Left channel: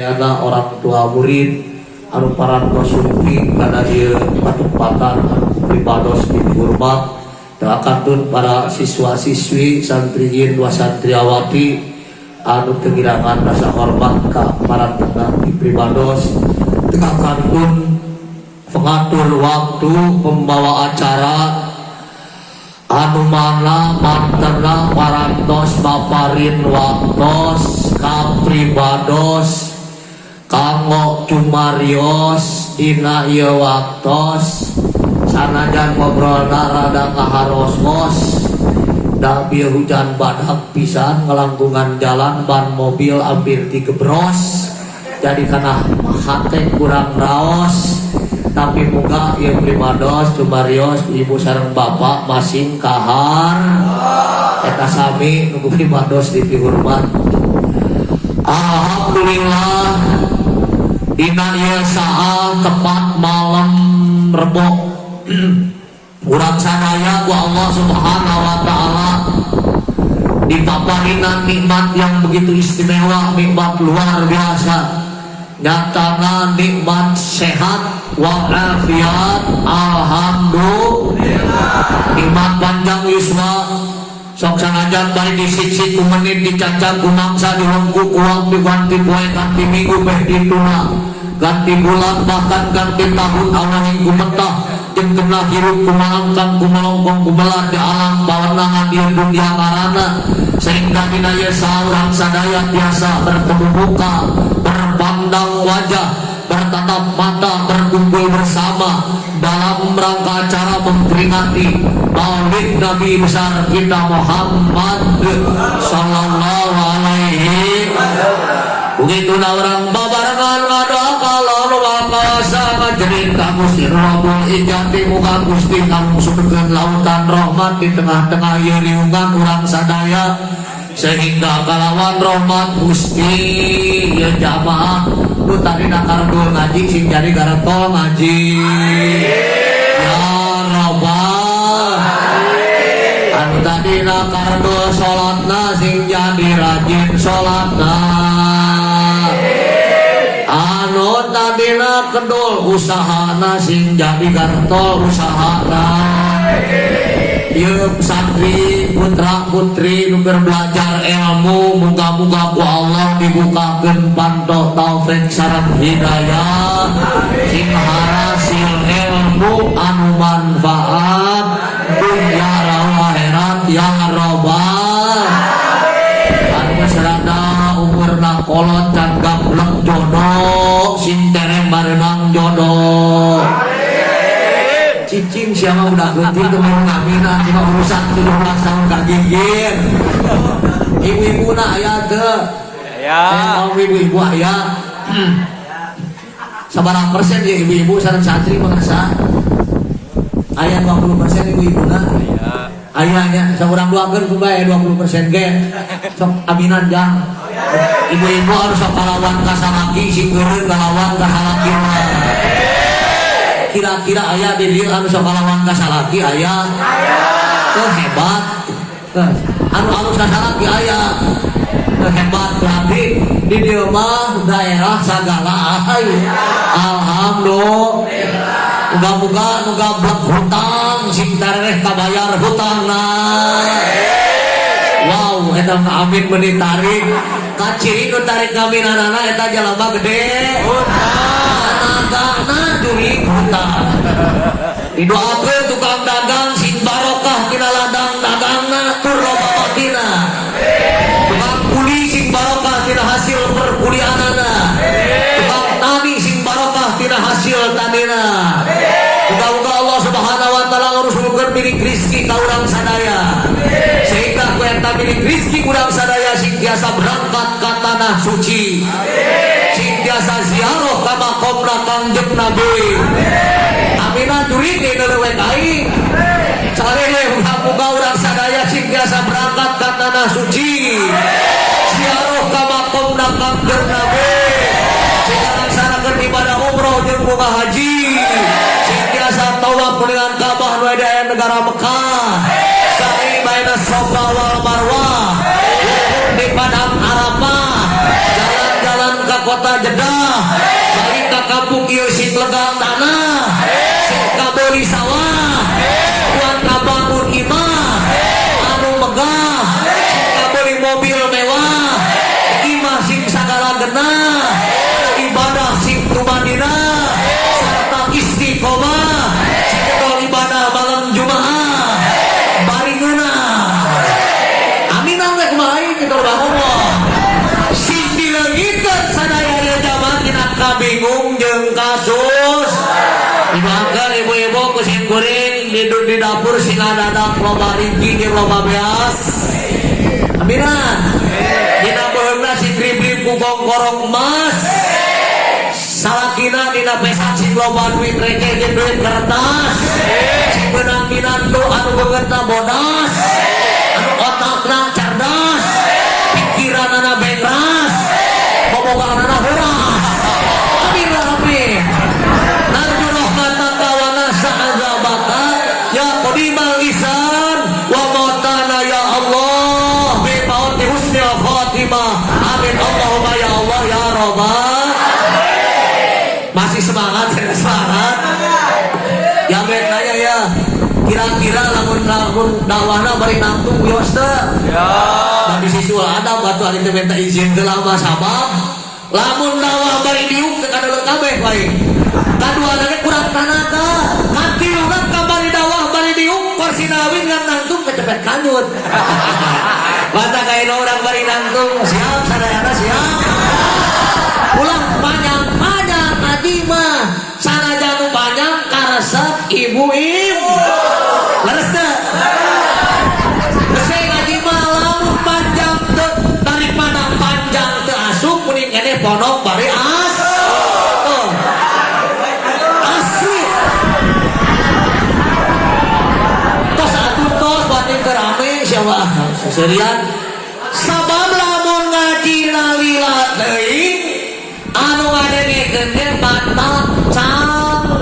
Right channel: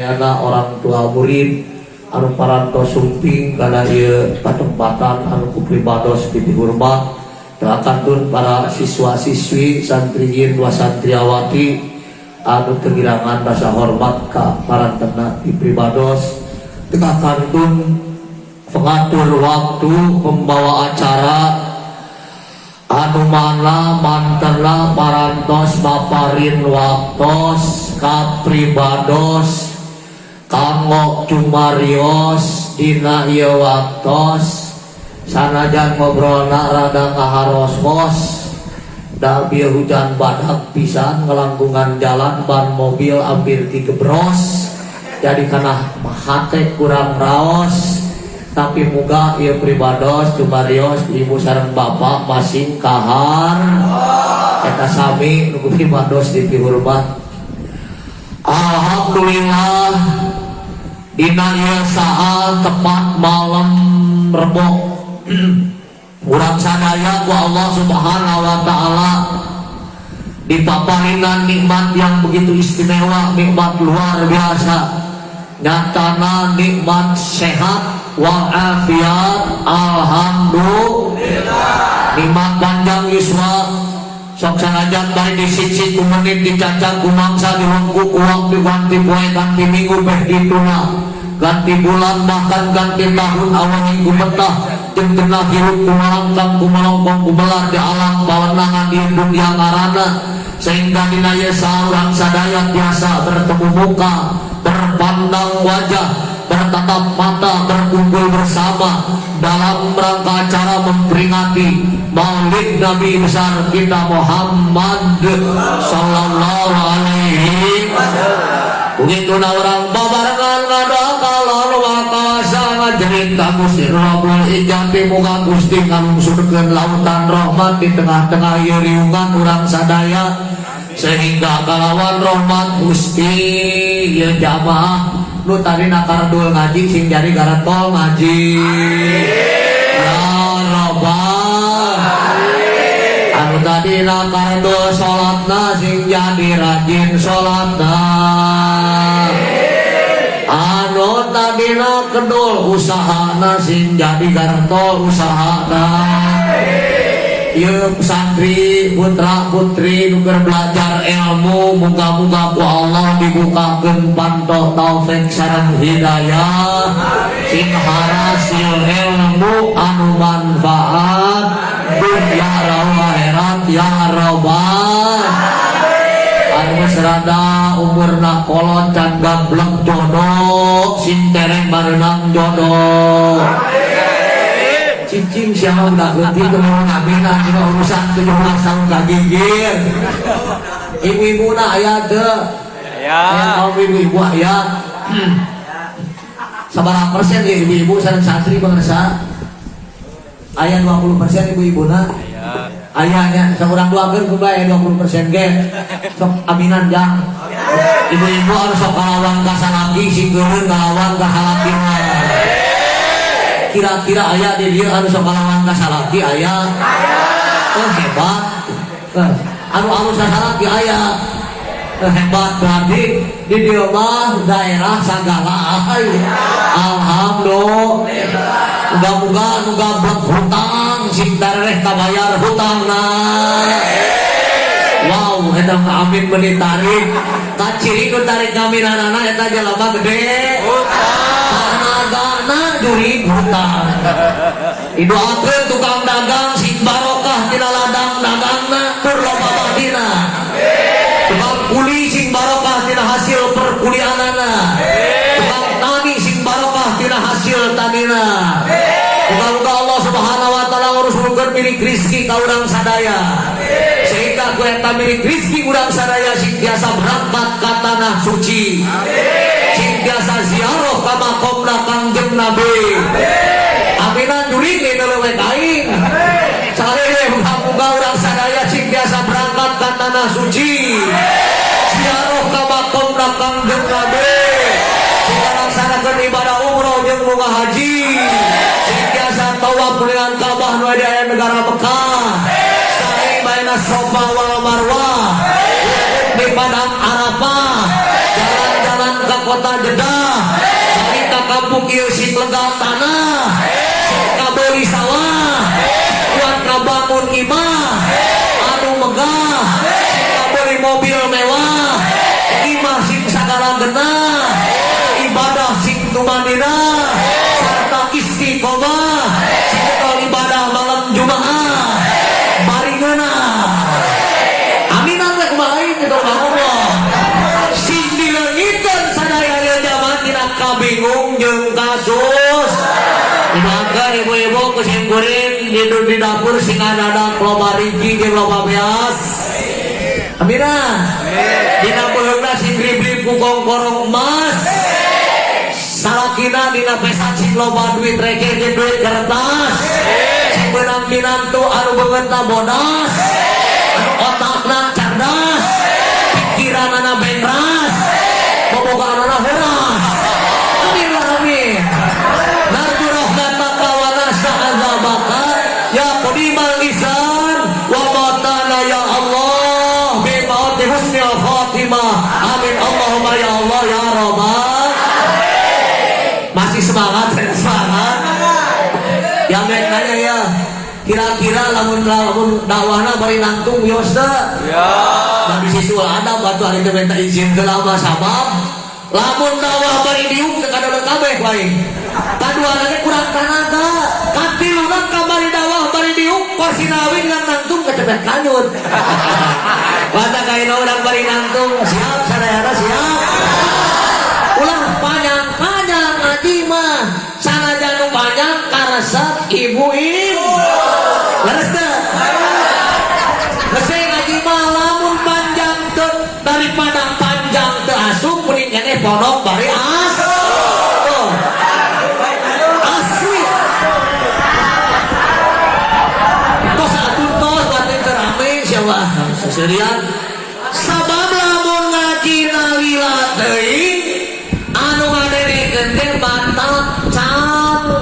Ada orang tua murid anu parantos sumping karena dia patupatan anu pribados di rumah dakatun para siswa-siswi santriyin wa santriawati anu kehilangan rasa hormat ka parantena di pribados dakatun pengatur waktu membawa acara anu mana mantena parantos maparin waktos ka pribados kanggo cumarios dina ieu waktos sanajan ngobrolna rada kaharos-hos da bieu hujan badak pisan ngelangkungan jalan ban mobil hampir digebros jadi kana hate kurang raos tapi muga ieu pribados cumarios ibu sareng bapak masing kahar eta sami nu pribados di rumah. Alhamdulillah dina ieu saal tepat malam Rebo urang sadaya ku Allah Subhanahu wa taala dipaparingan nikmat yang begitu istimewa, nikmat luar biasa. Nyatana nikmat sehat walafiat, alhamdulillah. Nikmat panjang yuswa sok sanajan bari disiksi ku menit dicacak ku mangsa dilengku uang diganti poe ganti minggu beh dituna ganti bulan bahkan ganti tahun awal minggu betah jeung tengah hirup ku malangkang ku malongkong ku belar di alam pawenangan ieu dunya ngaranna sehingga dina ieu saurang sadaya biasa bertemu muka berpandang wajah bertatap mata berkumpul bersama dalam rangka acara memperingati Maulid Nabi besar kita Muhammad sallallahu alaihi wasallam. Begitu orang babarengan ngada kalor wakasa ngajerita Gusti Rabbul Ijati muga Gusti ngamsudkeun lautan rahmat di tengah-tengah ieu riungan urang sadaya sehingga kalawan rahmat Gusti ieu jamaah nu tadi nakardul ngaji sing jari garetol ngaji ya Rabbal anu tadi nakardul salatna sing jadi rajin salatna anu tadi nakardul usahana sing jadi garetol usahana ieu santri putra putri nu belajar ilmu muga-muga ku Allah dibukakeun panto taufik sareng hidayah sing harasil ilmu anu manfaat dunya lan akhirat ya rabbal anu serada umurna kolot can gablek jodoh sing tereng bareunang jodoh cicing siapa udah ganti kemana nabina cuma urusan 17 tahun kagigir ibu-ibu nak ayah tuh ayah kaum ibu-ibu ayah seberapa persen ya ibu-ibu sareng santri merasa ayah 20% ibu-ibu nak ayahnya seorang duakeun kumaha 20% gen sok aminan jang ibu-ibu harus sok kalawan ka salaki sing geureun kalawan ka salaki mah kira-kira ayah di dia anu sok kalawan ka salaki ayah hebat anu salaki ayah hebat berarti di dia mah daerah sagala alhamdulillah muga-muga anu gablek hutang sing tareh kabayar hutangna wow eta amin meuni tarik kaciri nu tarik ngaminanana eta jalaba gede duit hutang didoakeun tukang dagang sing barokah tina ladang dagangna tur loba bahdina tukang kuli sing barokah tina hasil perkuliahanna tukang tani sing barokah tina hasil tanina muga-muga Allah Subhanahu wa taala nguruskeun milik rezeki ka urang sadaya sehingga ku eta milik rezeki urang sadaya sing biasa berangkat ka tanah suci sing biasa ziarah ka makomna Kangjeng Nabi aminan durik dulu kain sareh muga-muga urang sadaya sing biasa berangkat ka tanah suci ziarah ka makomna Kangjeng Nabi sing laksanakeun ibadah umroh jeung umrah haji sing biasa tawaf dengan Ka'bah nu aya di negara Mekah sa'i baina Safa wal Marwah di padang Arafah jalan-jalan ka kota Jeddah, bari ka kampung ieu sing lega tanah, sok kabeli sawah, buat kabangun imah, anu megah, kabeli mobil mewah, imah sing sagala genah, ibadah sing tumanina, sarta istiqomah, sarta ibadah malam Jumaah, bari ngeunah. Aminan teh kumaha kita Allah. Sing dileungitkeun sadaya zaman dina kabingung jeung kasus. Ibadah ibu-ibu kucing goreng hidup di dapur sing ada loba rigi jeung loba beas. Aminan. Dina beheungna sing grib-grib ku gongkorong emas. Salakina dina pesat sing loba duit reke jeung duit kertas. Sing beunang binantu anu beungeutna bodas. Anu otakna cerdas. Pikiranna bengras. Boboganana heuras. Amin ya rabbal. Narju rahmataka wa nas'a azabaka ya qadimal lisan wa matana ya Allah bi fadli husnil khatimah. Amin Allahumma ya Allah ya rabbal. Masih semangat, semangat. Ya men aja ya. Kira-kira lamun dakwahna bari nangtung ya Ustaz. Ya. Nabi sisul ada batu ali teh minta izin ke lama sabab. Lamun dakwah bari diuk teh kada kabeh bae. Kaduana teh kurang tenaga. Katiluna ka bari dakwah bari diuk porsi lawin ngan nangtung kecepet kanut. Mata kaina urang bari nangtung siap sadayana siap. Ulang banyak ngaji mah sanajan banyak karasa ibu-ibu. Leres teh. Bese ngaji mah lamun panjang teh daripada panjang teu asup kuring keneh pondok bari asli. Tos atuh tos batin teu rame siapa seserian. Sabab lamun ngaji lila teuing anu ngaderekeun teh batak cangkel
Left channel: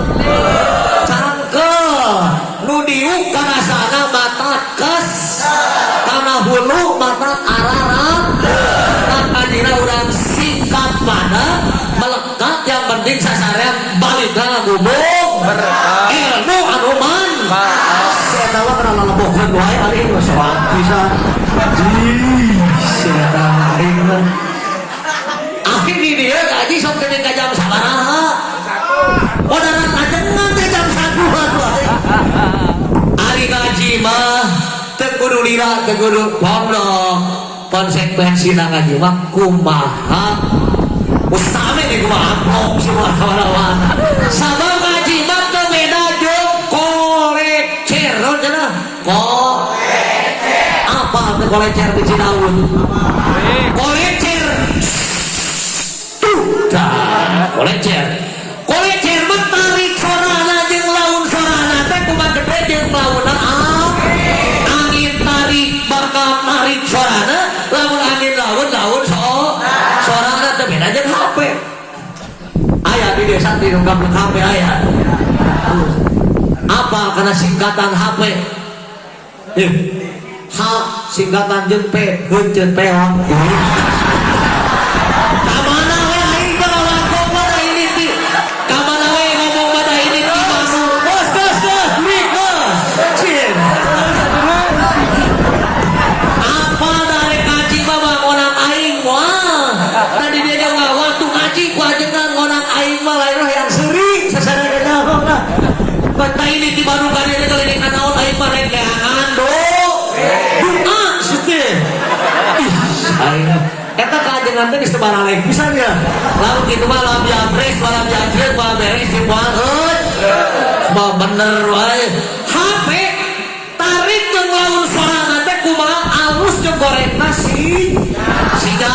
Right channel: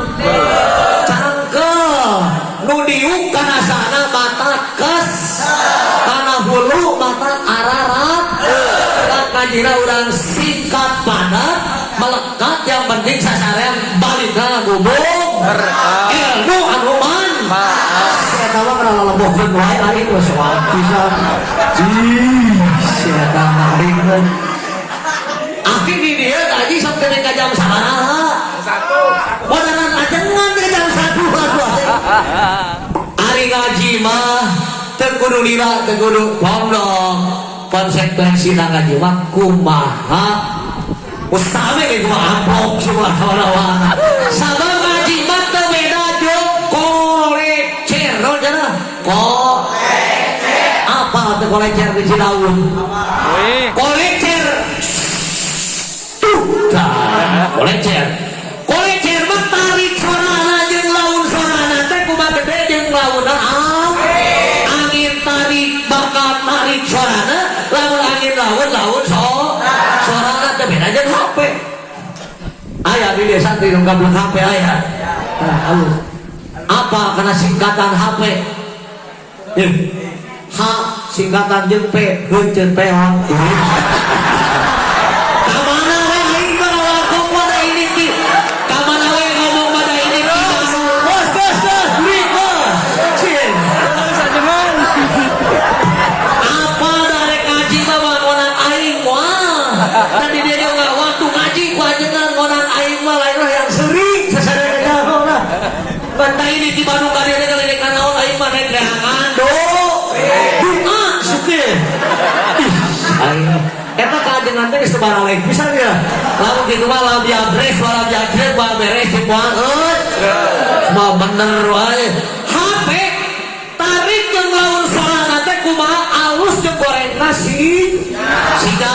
nu diuk kana sana batak kes kana hulu batak ararat kan panjina urang singkat padat melekat yang penting sasarean balik ka gubuk berkah ilmu anu maaf eta mah kana lebohkeun wae ari geus soal pisan sia aing akhir di dia gaji sok kena ke jam sabaraha. Modaran ajengan teh jam 1 hari gaji mah teu kudu lila teu kudu pondok. Konsekuensina ngaji mah kumaha? Ustame ge gua amplop subhanallah. Sabab ngaji mah teu beda jeung kolecer cenah. Kolecer. Apa teh kolecer di Cilaun? Kolecer kolecer tarik sorana jeung laun sorana teh kumaha gede jeung launa angin tarik bakal narik sorana lamun angin laun sorana teh beda jeung HP aya di desa di kampung HP aya apa karena singkatan HP H singkatan jeung P heuceun peon. Tadi dia nggak waktu ngaji ku ajengan ngonang aing mah lain yang sering sasarannya apa banta ini di baru kali ini kali ini naon aing mah rek lehangan do duka setir aing eta ka ajengan teh geus baraleh pisan ya lamun kitu mah lam jabres balam jabres mah beres di banget mah bener wae HP tarik jeung laun sorana teh kumaha alus jeung goreng nasi siga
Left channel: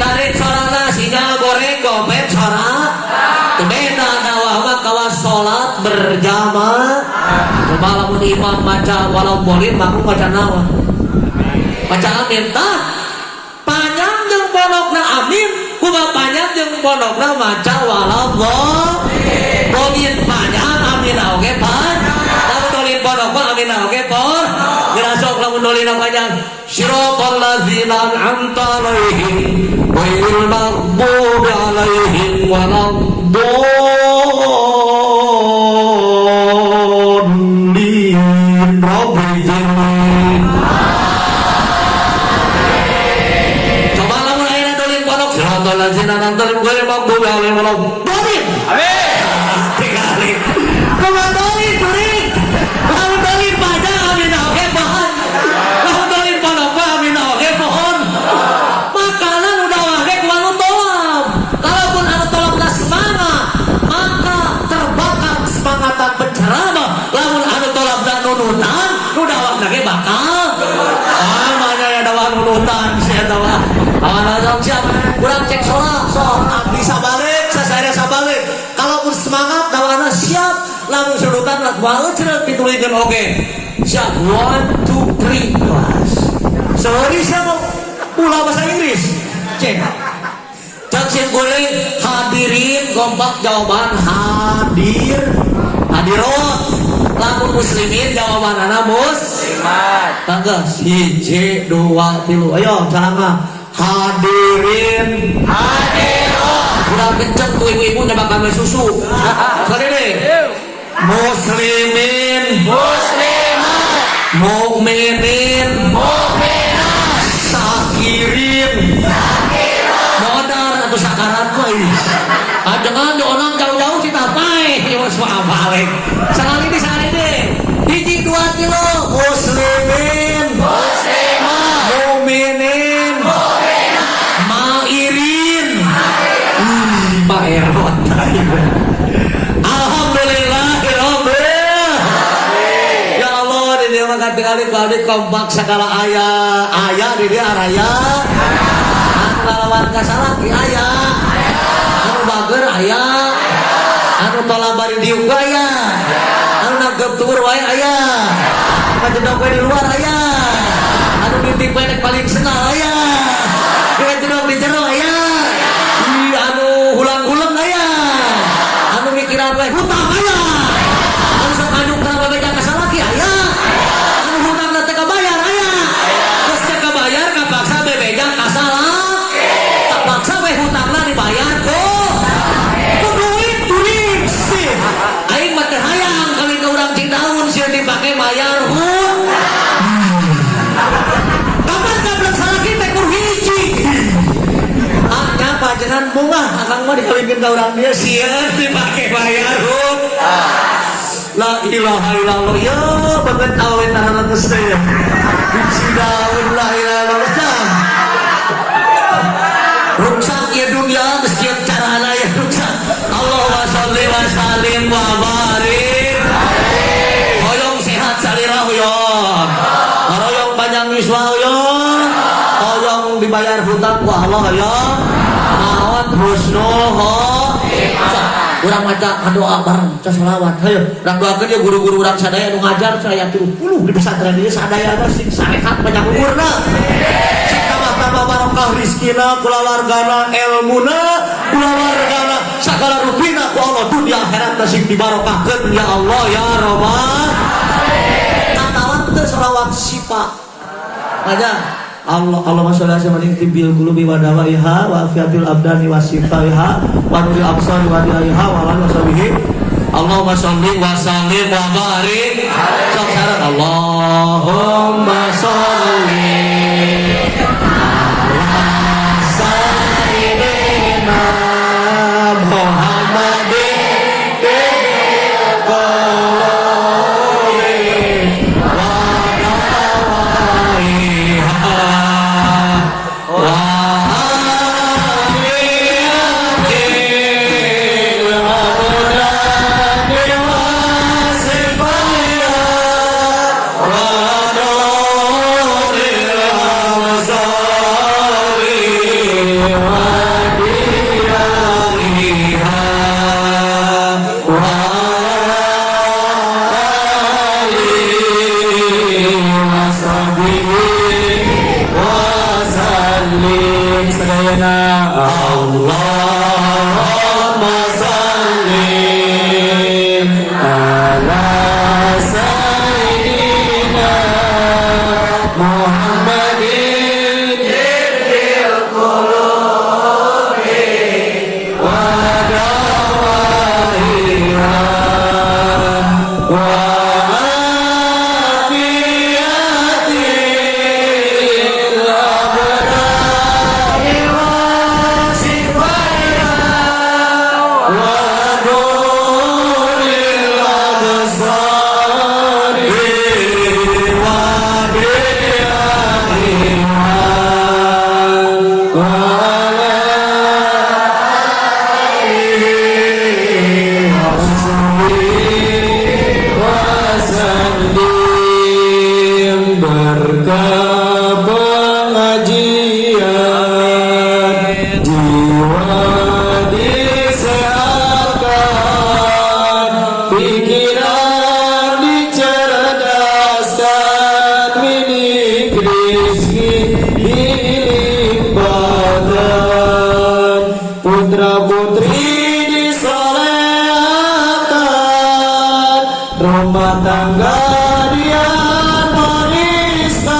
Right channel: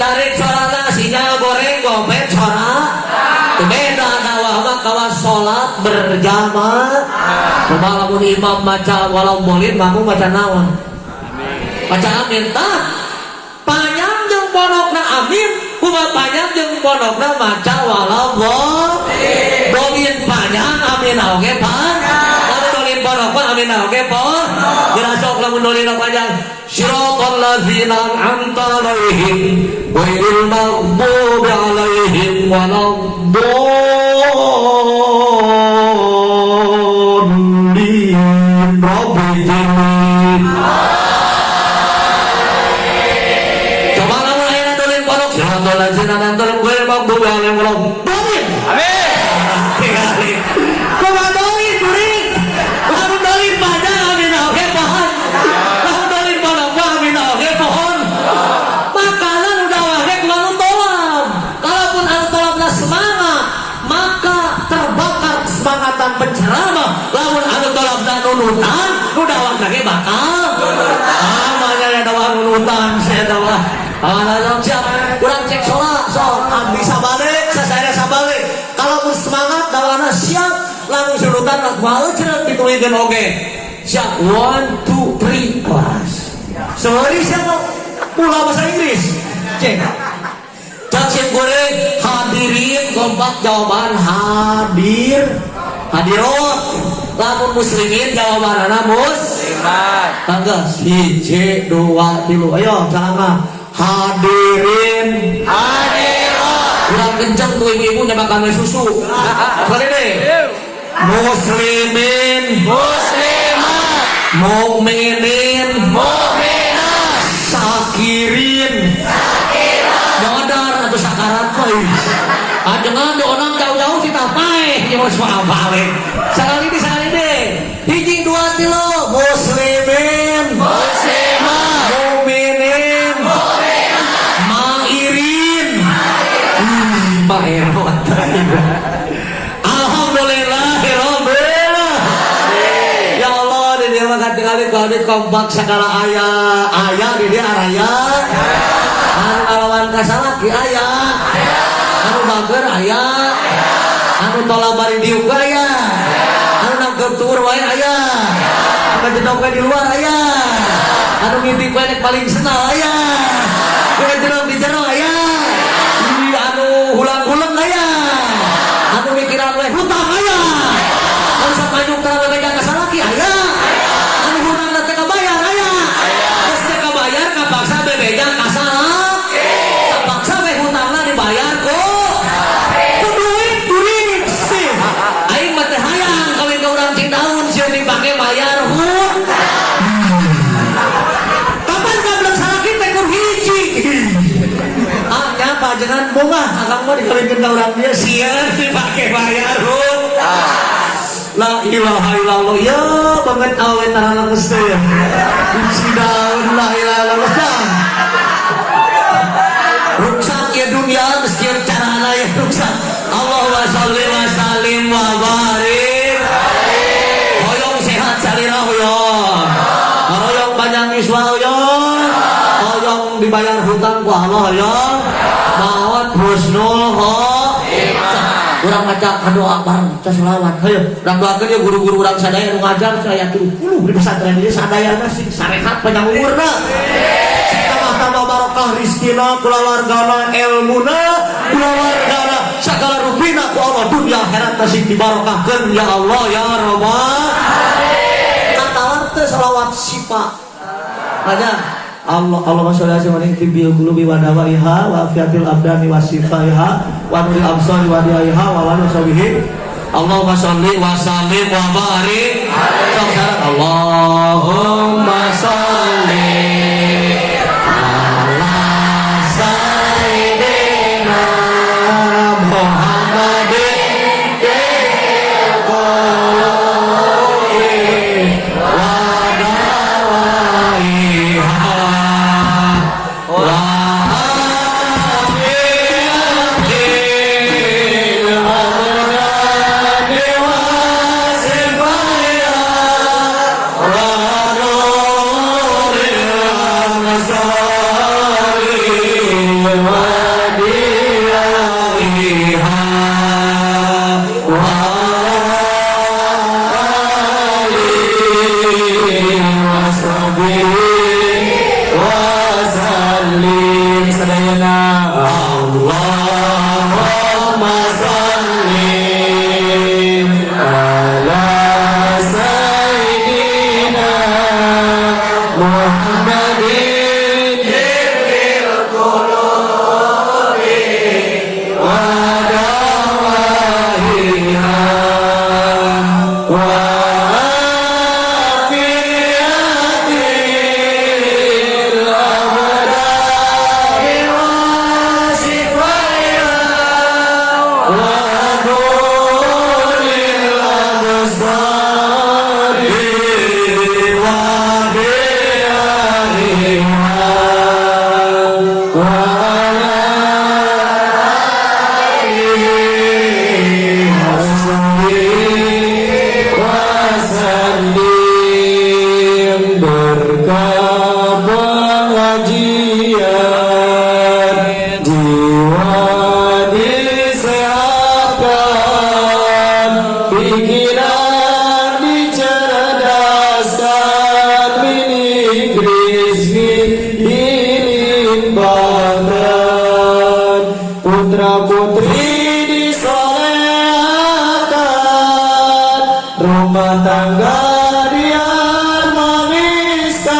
tarik sorana sinyal goreng gopet sora beda dakwah mah kawas salat berjamaah kumaha lamun imam baca walau boleh kamu baca naon baca amin tah panjang jeung pondokna amin kumaha panjang jeung pondokna baca walau boleh panjang amin oge panjang lamun dolin pondokna amin oge por jelas sok lamun dolin panjang siratal ladzina an'amta alaihim ghairil maghdubi waladdallin Rabbil alamin. Coba kamu layan dolin pondok siratal ladzina an'amta alaihim maghdubi alaihim waladdallin. Amin. Coba dolin dolin. Kamu dolin pada amin oke pohon. Kamu dolin pada amin oke pohon. Makanan udah oke lalu tolong. Kalaupun anu tolonglah semangat, maka terbakar semangat dan penceramah. Lamun anu tolong dan nunutan, udah lagi bakal. Namanya ada nunutan saya tahu. Siap, kurang cek soal bisa balik, saya balik. Kalaupun semangat, dawana siap, langsung suruhkan nak balik cerita dituliskan oke. Siap, 1, 2, 3, kelas. Sorry siapa? Pulau bahasa Inggris. Cek. Cek gue hadirin kompak jawaban hadir. Hadirot. Lamun muslimin jawaban anak muslimat. Tangga 1, 2, 3. Ayo, caranya. Hadirin hadirat udah kenceng tuh ibu nembak kami susu kali ini muslimin muslimat mukminin mukminat sakirin sakirat modal atau sakarat koi dengan orang jauh-jauh kita naik ya mas balik sekali ini hiji 2 kilo muslimin muslimat mukminin alhamdulillah ya Allah di dia mengganti kali kompak segala ayah di dia raya anu lawan kasalaki ayah anu bager ayah anu tolong bari diuk ayah anu nagep tur wae ayah anu jedok wae di luar ayah anu mimpi wae paling senang ayah anu jedok di jero ayah hulang-hulang ayah anu mikir apa hutang ayah anu sakanyuk tara bebeja kasalaki ayah anu hutang teh kabayar ayah geus teh kabayar kapaksa bebeja kasalaki kapaksa we hutangna dibayar ku duit sih aing mah teh hayang kali ka urang Cidaun sieun dipake bayar kapan gablek salaki teh ku hiji jangan bunga akang mah dikawinkeun ka urang dia sieun dipake bayar la ilaha illallah ya banget awet anak geus teh Cidaun la ilaha illallah ruksak ya dunia geus kieu carana ya ruksak Allahumma shalli wa sallim wa barik hoyong sehat salila hoyong panjang iswa hoyong dibayar hutang ku Allah hoyong husnul khotimah. Urang maca doa bareng ca selawat. Hayu, urang doakeun ya guru-guru urang sadaya nu ngajar saya yakin di pesantren ieu sadayana sing sarehat panjang umurna. Sing tambah barokah rezekina, keluargana, ilmuna, keluargana, sagala rupina ku Allah dunia akhirat sing dibarokahkeun ya Allah ya Rabbal alamin. Katalan teh selawat sipa. Ada Allahumma sholli ala sayyidina tibbil qulubi wa dawaiha wa afiatil abdani wa sifaiha wa nuril absari wa diyaiha wa ala sahbihi Allahumma sholli wa sallim wa barik Allahumma sholli ala sayyidina Muhammadin Rumah tangga dia wariskan,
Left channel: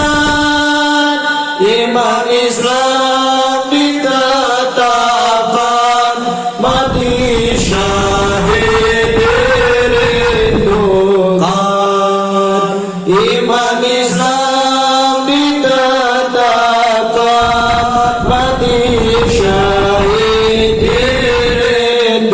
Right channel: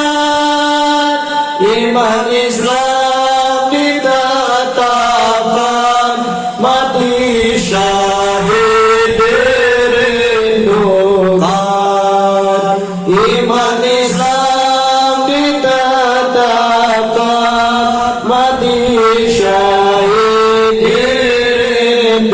iman Islam ditetapkan, mati syahid dirindukan. Iman Islam ditetapkan, mati syahid dirindukan.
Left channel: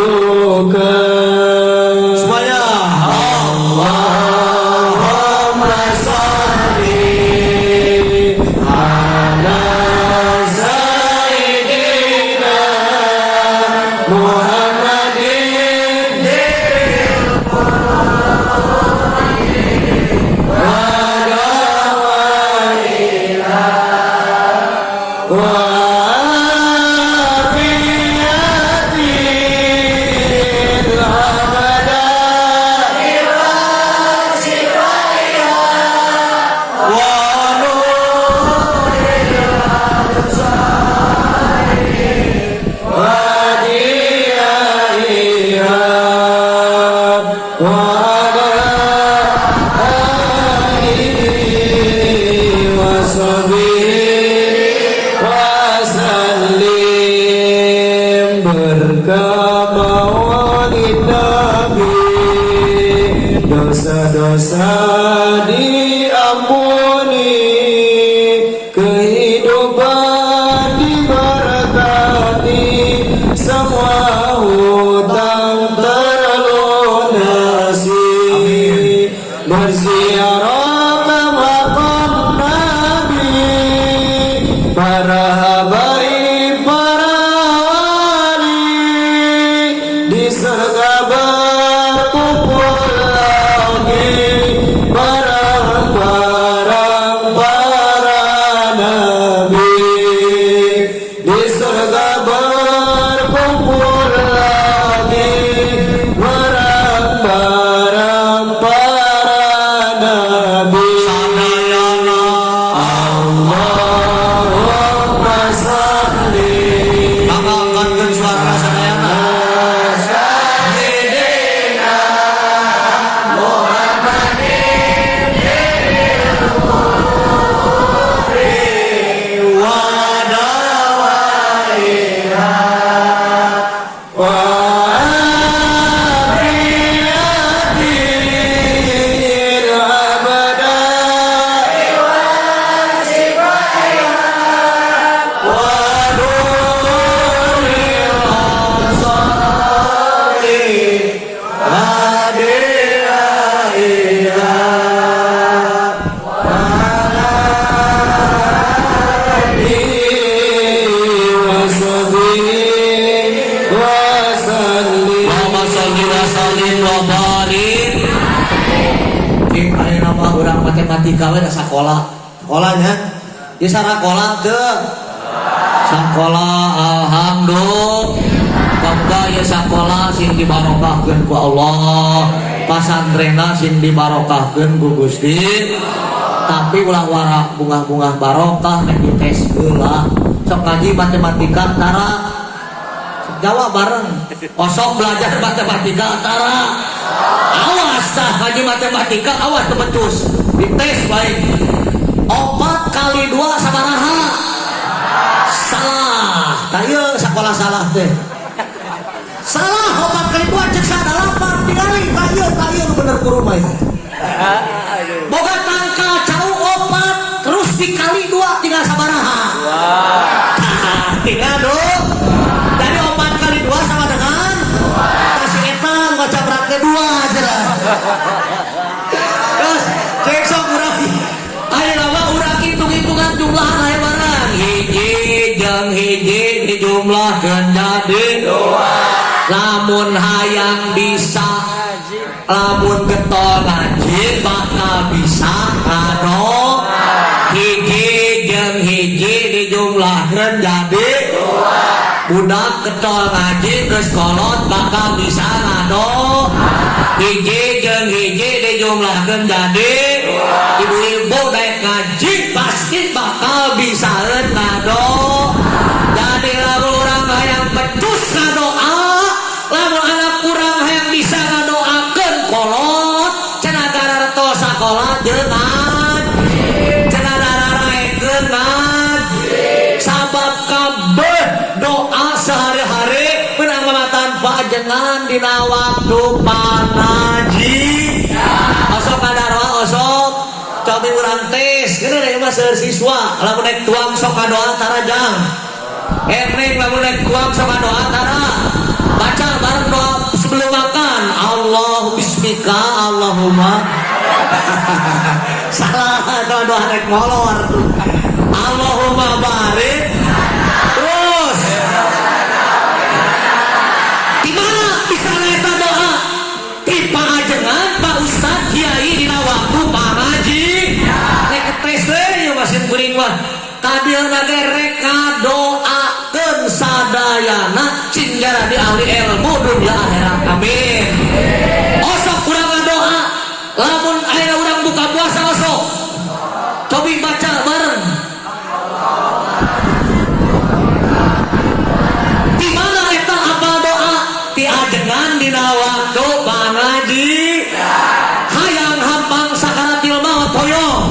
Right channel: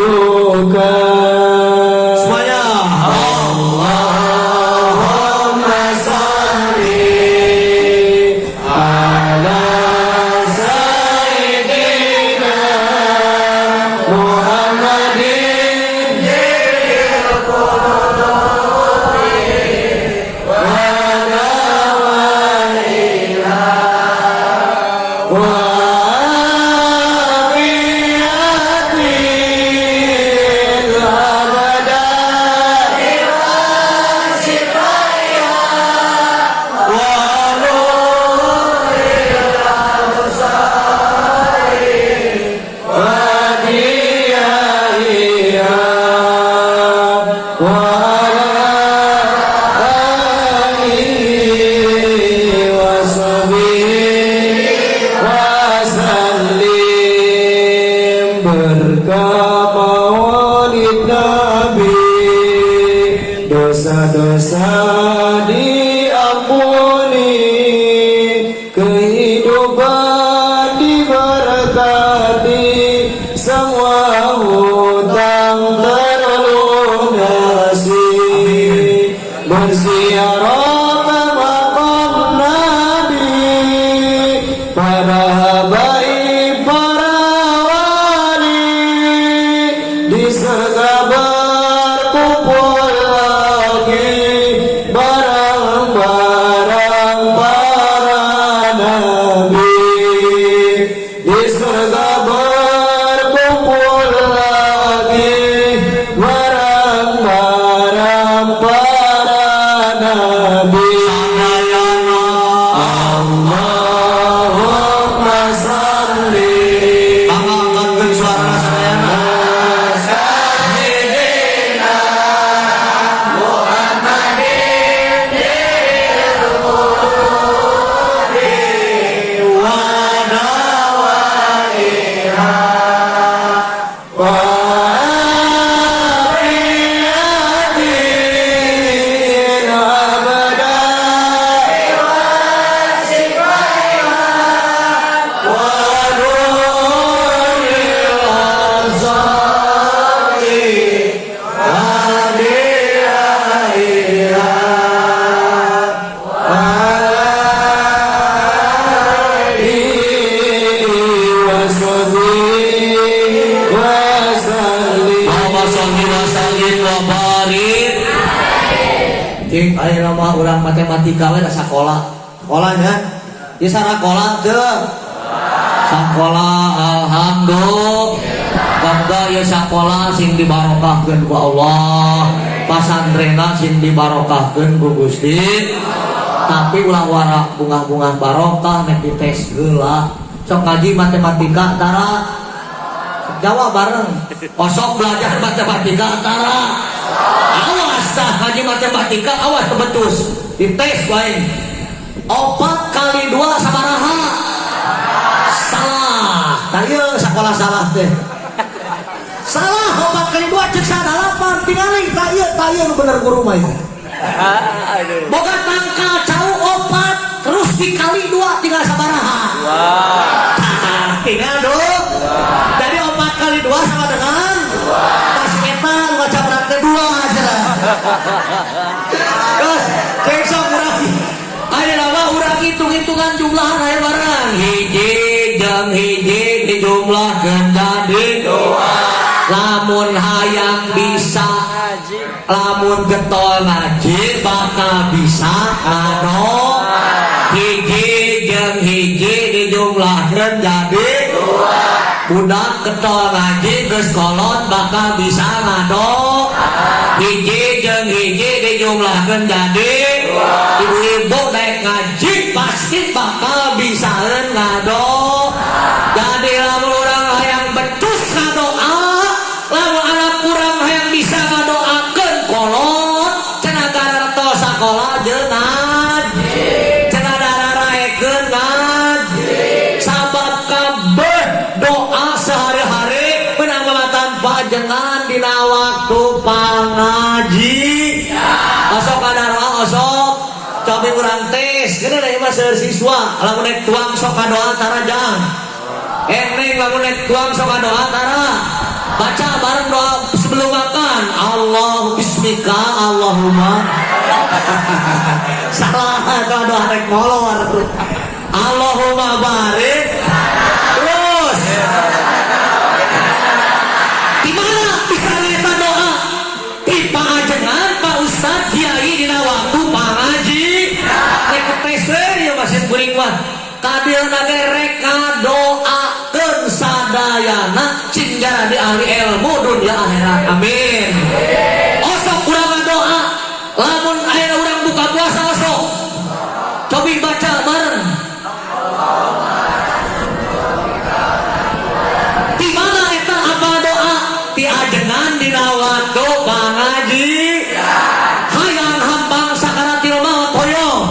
Dosa-dosa diampuni, kehidupan diberkati, semua hutang terlunasi. Berziarah ke makam Nabi, para habaib, para wali, di surga berkumpul barang-barang para nabi, di surga berkumpul lagi barang-barang para nabi. Allahumma salli ayo nama orang matematika ada sekolah sekolahnya di sekolah tuh sekolah alhamdulillah kabda ya sekolah sing dibarokahkeun ku Allah pasantrena sing dibarokahkeun ku Gusti tapi ulah warak bunga-bunga barokah nek dites heula sok ngaji matematika tara jawab bareng kosong belajar matematika tara awas tah ngaji matematika awas tebetus dites baik 4 kali 2 sabaraha salah kayu sekolah salah teh salah 4 kali 2 cek salah tinggali kayu bener ku rumah ya boga tangka jauh 4 terus dikali 2 tinggal sabaraha tinggal dong dari 4 kali 2 sama dengan 2 kasih etang baca beratnya 2 aja terus besok urang ada nama urang hitung-hitungan jumlah air barang hiji jeung hiji dijumlahkeun jadi doa. Lamun hayang bisa, lamun getol ngaji bakal bisa ado. Hiji jeung hiji dijumlahkeun jadi doa. Budak getol ngaji geus kolot bakal bisa ado. Hiji jeung hiji dijumlahkeun jadi doa. Ibu-ibu daek ngaji pasti bakal bisa ngado. Jadi lamun urang hayang becus ngadoa, lamun anak urang hayang bisa ngadoakeun kolot, cenah gararto sakola jeung cenah raraekeun ngaji. Sabab kabeh doa sehari-hari penanggalatan pajengan dina waktu pangaji. Osok kadarwa osok cobi urang tes geuning da mah siswa lamun naik tuang sok ngadoa tarajang. Neng lamun naik tuang sok ngadoa tara. Baca bareng doa sebelum makan. Allahu bismika Allahumma. Salah doa naik molor. Allahumma barik. Terus. Dimana bisa eta doa? Di pangajengan Pak Ustaz Kiai dina waktu pangaji. Rek tes we wasit kuring mah. Kadirna ge rek doakeun sadayana cing jadi ahli ilmu dunia akhirat. Amin. Osok urang ngadoa. Lamun aya urang buka puasa osok. Cobi baca bareng. Di mana eta apa doa? Ti ajengan dina waktu pangaji. Hayang hampang sakana tilma poyong.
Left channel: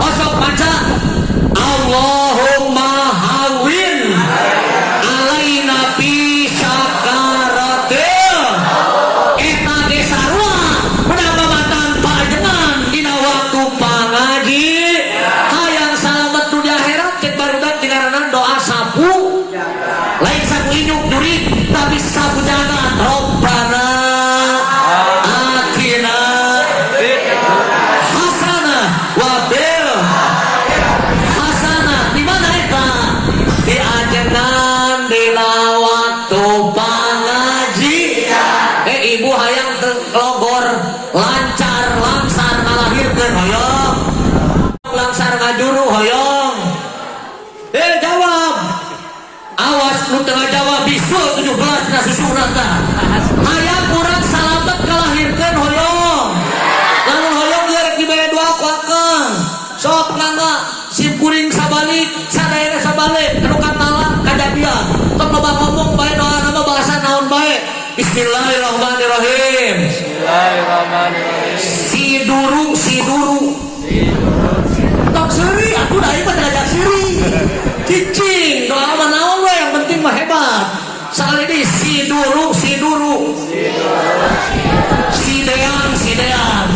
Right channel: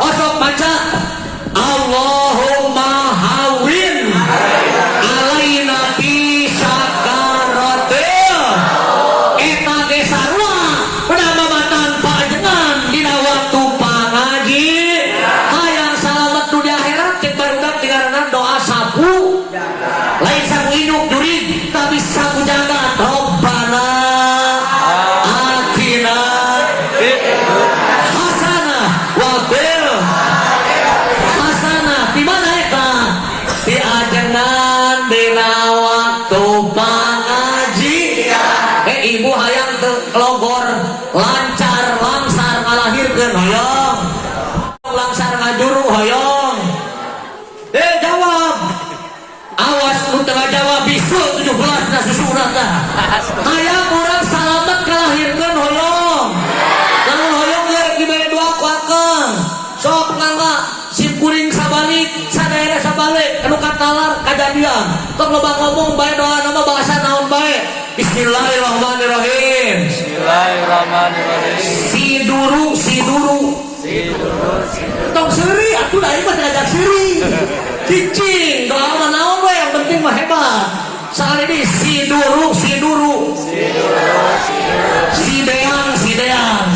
Osok baca. Allahumma hawin alaina fi sakaratil. Eta ge sarua penamatan pajengan dina waktu pangaji. Hayang salamet dunia akhirat cek barudak tingaranan doa sapu. Lain sapu induk jurid tapi sapu jaga. Rabbana atina hasanah wa fil hasanah. Di mana eta? Di ajengan dina waktu pangaji. Ibu hayang teu logor lancar langsar ngalahirkeun hoyong. Langsar ngajuru hoyong. Jawab. Awas nu teu ngajawab bisul 17 na susuran tah. Hayang urang salamet kalahirkeun hoyong. Lamun hoyong geus dibere doa ku akang. Sok ngangga sim kuring sabalik, sadaya sabalik, anu katalar kajadian. Tok loba ngomong bae doa nama bahasa naon bae. Bismillahirrahmanirrahim. Bismillahirrahmanirrahim. Siduru. Tok seuri atuh da ieu diajak seuri. Cicing doa mah naon we yang penting mah hebat. Sakali deui siduru. Sidean.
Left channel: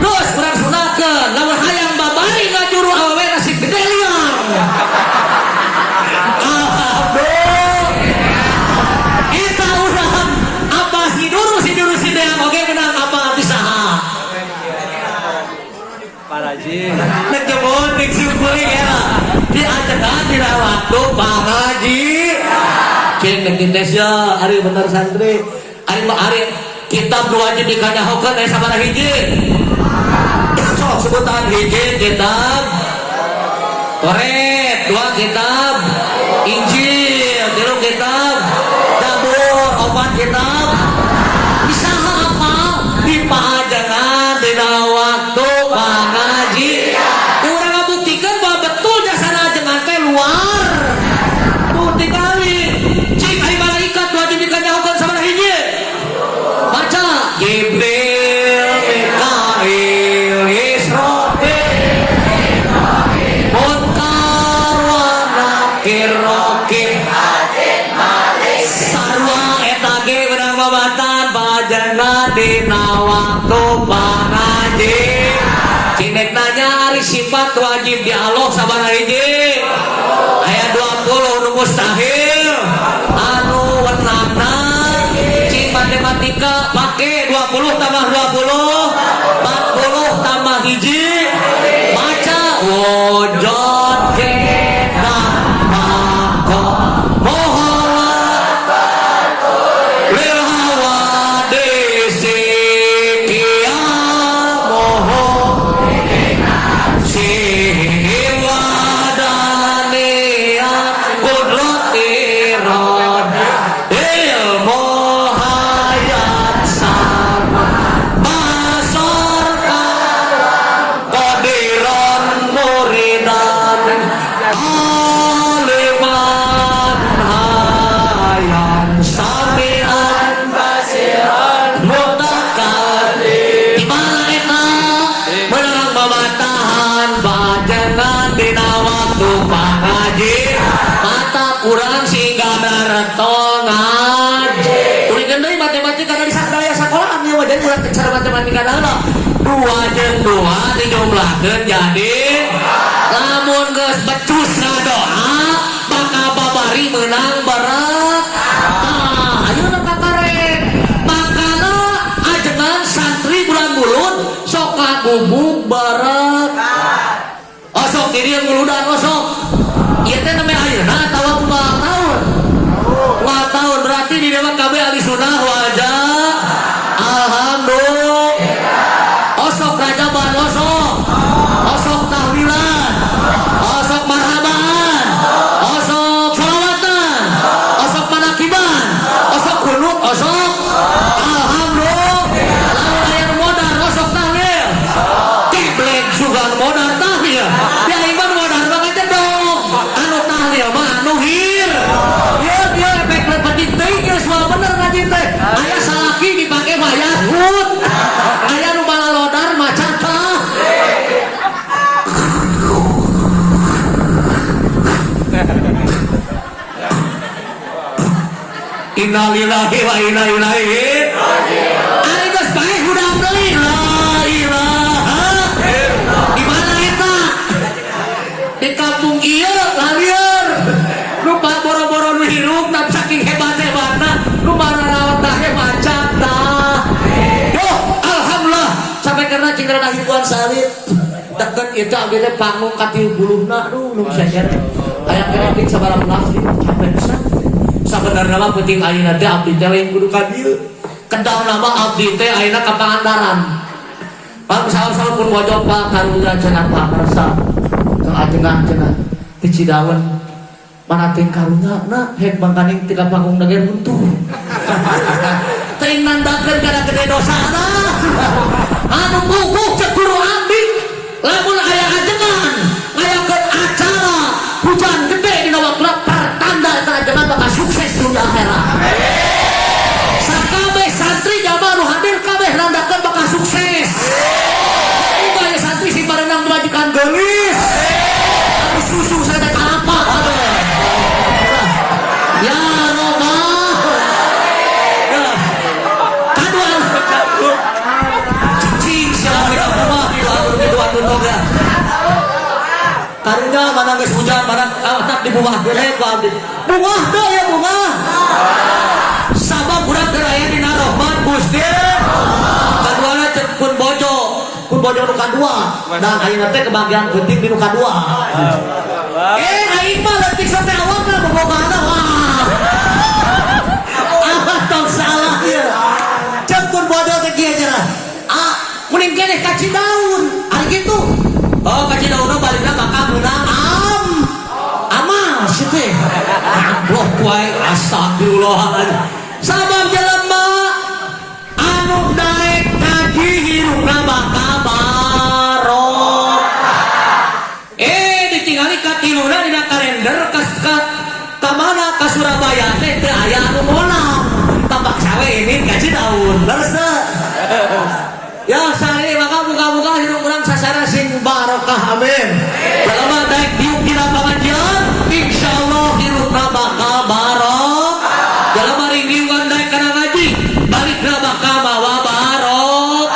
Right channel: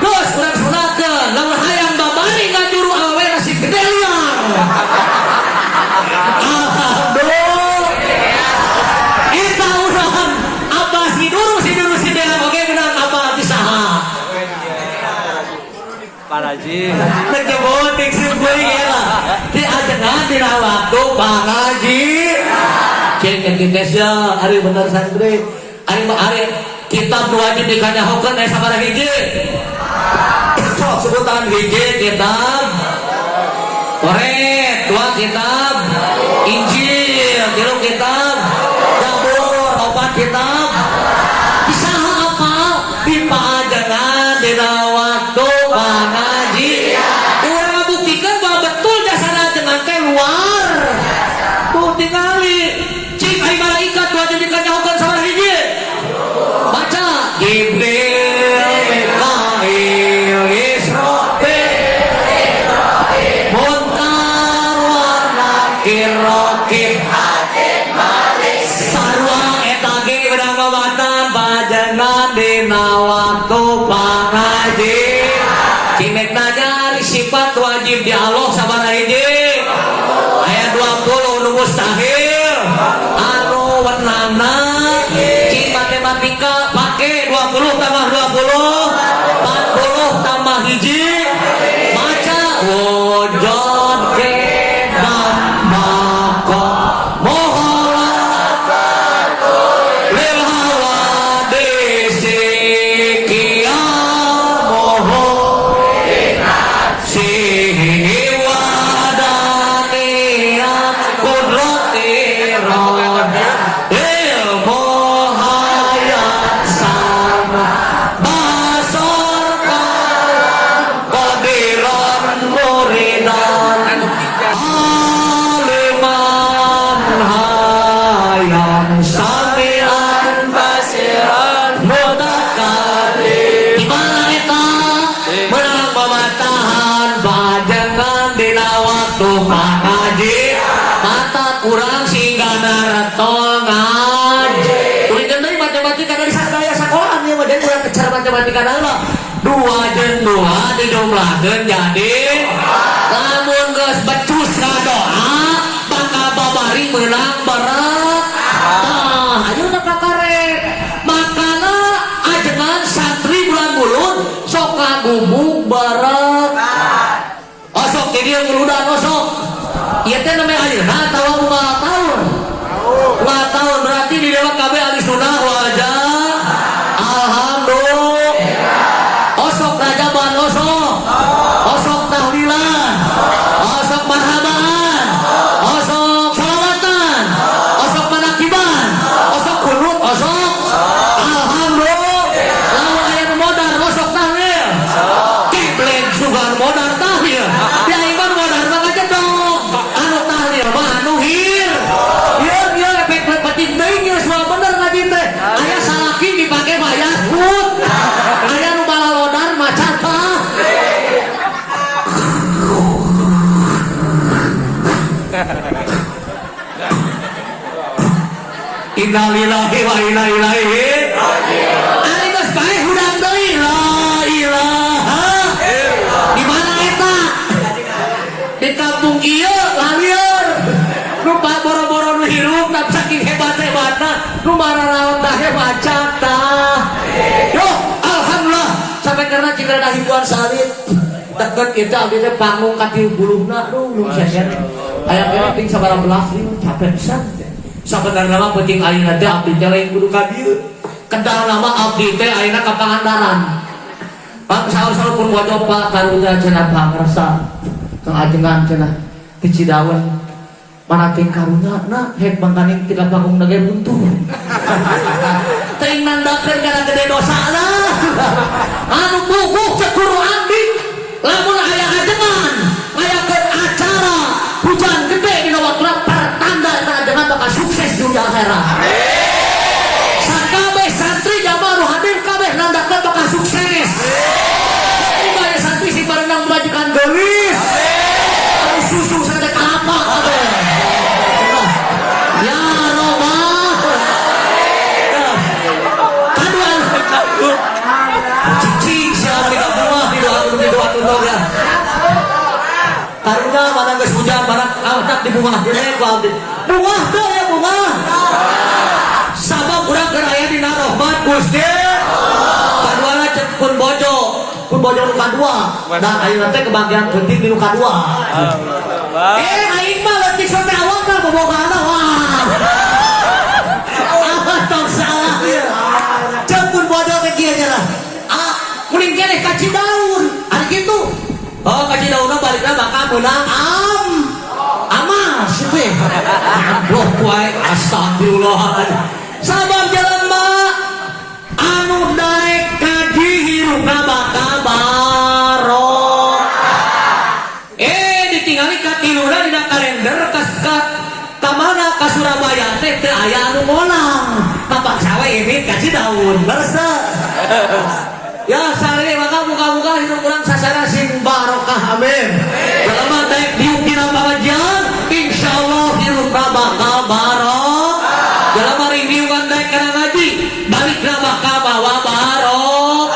Terus urang sunatkeun lamun hayang babani ngajuru awewe nasi gede liang. Kita urang apa siduru sidean oge menang apa bisaha. Paraji. Ketebon dik simkuring ya. Di ajengan dina waktu pangaji. Cing tes ya ari bener santri. Ari mah ari kitab nu wajib dikanyahokeun aya sabaraha hiji? Sok sebutan hiji kitab Toret, 2 kitab Injil, 3 kitab Zabur, 4 kitab. Bisa apa? Di pahajangan dina waktu pangaji. Urang ngabuktikeun bahwa betul jasana ajengan teh luar. Bukti kali. Cing ai malaikat wajib dikanyahokeun sabaraha hiji? Baca Jibril, Mikail, Israfil, Munkar wa Nakir, Raqib, Atid, Malik. Sarua eta ge urang babatan pajenna dina waktu pangaji. Cinek nanya sifat wajib di Allah sabaraha hiji? Aya 20 nu mustahil. Anu wenangna cing matematika pake 20 tambah 20 40 tambah hiji. Baca wujud kedah nuladeun jadi lamun geus becus ngadoa bakal babari menang barat. Ayeuna kakarek makana ajengan santri bulan bulut sok ngagubuk barat. Osok jadi yang nguludan osok. Ieu teh namanya ayeuna tawa kumaha tahun. Kumaha tahun berarti di dewa kabeh ahli sunnah wajah. Innalillahi wa inna ilaihi raji'un. Ari geus bae hudang deui la ilaha illallah. Di mana eta? Di kampung ieu lalieur. Nu boro-boro nu hirup dan saking hebat-hebatna nu mararaot teh macet tah. Yo, alhamdulillah sampai karena cingkrana hibuan salit. Deket itu abdi teh panggung ka 30na nu sejen. Aya kene sabaraha belas capek pisan. Sabenerna mah penting ayeuna teh abdi teh lain kudu ka dieu. Kedah nama abdi teh ayeuna ka Pangandaran. Pak saur-saur kudu wajib Pak karunya cenah Pak rasa. Teu ajengan cenah di Cidaun. Mana teh karunya na hek bangkaning tiga panggung ge buntu. Teuing nandakeun kana gede dosana. Anu bubuh ke guru abdi. Lamun aya ajengan, ngayakeun acara hujan gede dina waktu pertanda eta ajengan bakal sukses dunia akhirat. Sakabeh santri jamaah nu hadir kabeh nandakeun bakal sukses. Muga aya santri si barenang belajikan geulis. Anu susu saya teh apa kabeh. Ya Allah. Kadua. Cicing sia rumah di dua karunya mana geus hujan barang anak di rumah deui ku abdi. Rumah deui ya rumah. Sabab budak keur aya dina rahmat Gusti. Kaduana cek pun bojo nu kadua. Nah ayeuna teh kebagian penting di nu kadua. Aing mah leutik sote awakna bobogana mah. Ah tong salah ieu. Cek pun bojo teh kieu cenah. Mending keneh ka Cidaun. Ari kitu. Oh ka Cidaun balikna bakal menang amal sih. Goblok wae astagfirullahaladzim. Sabab jalan mah anu daek kaji hirupna bakal barok. Ditinggali ka tiluna dina kalender ka mana ka Surabaya teh teu aya anu molang. Tapak sawe ini ka Cidaun. Leres teh. Ya sare maka buka-buka hirup urang sasana sing barokah amin. Jalma daek diuk di lapangan jalan insyaallah hirupna bakal barok. Jalma rindiungan daek kana ngaji balikna bakal bawa barok.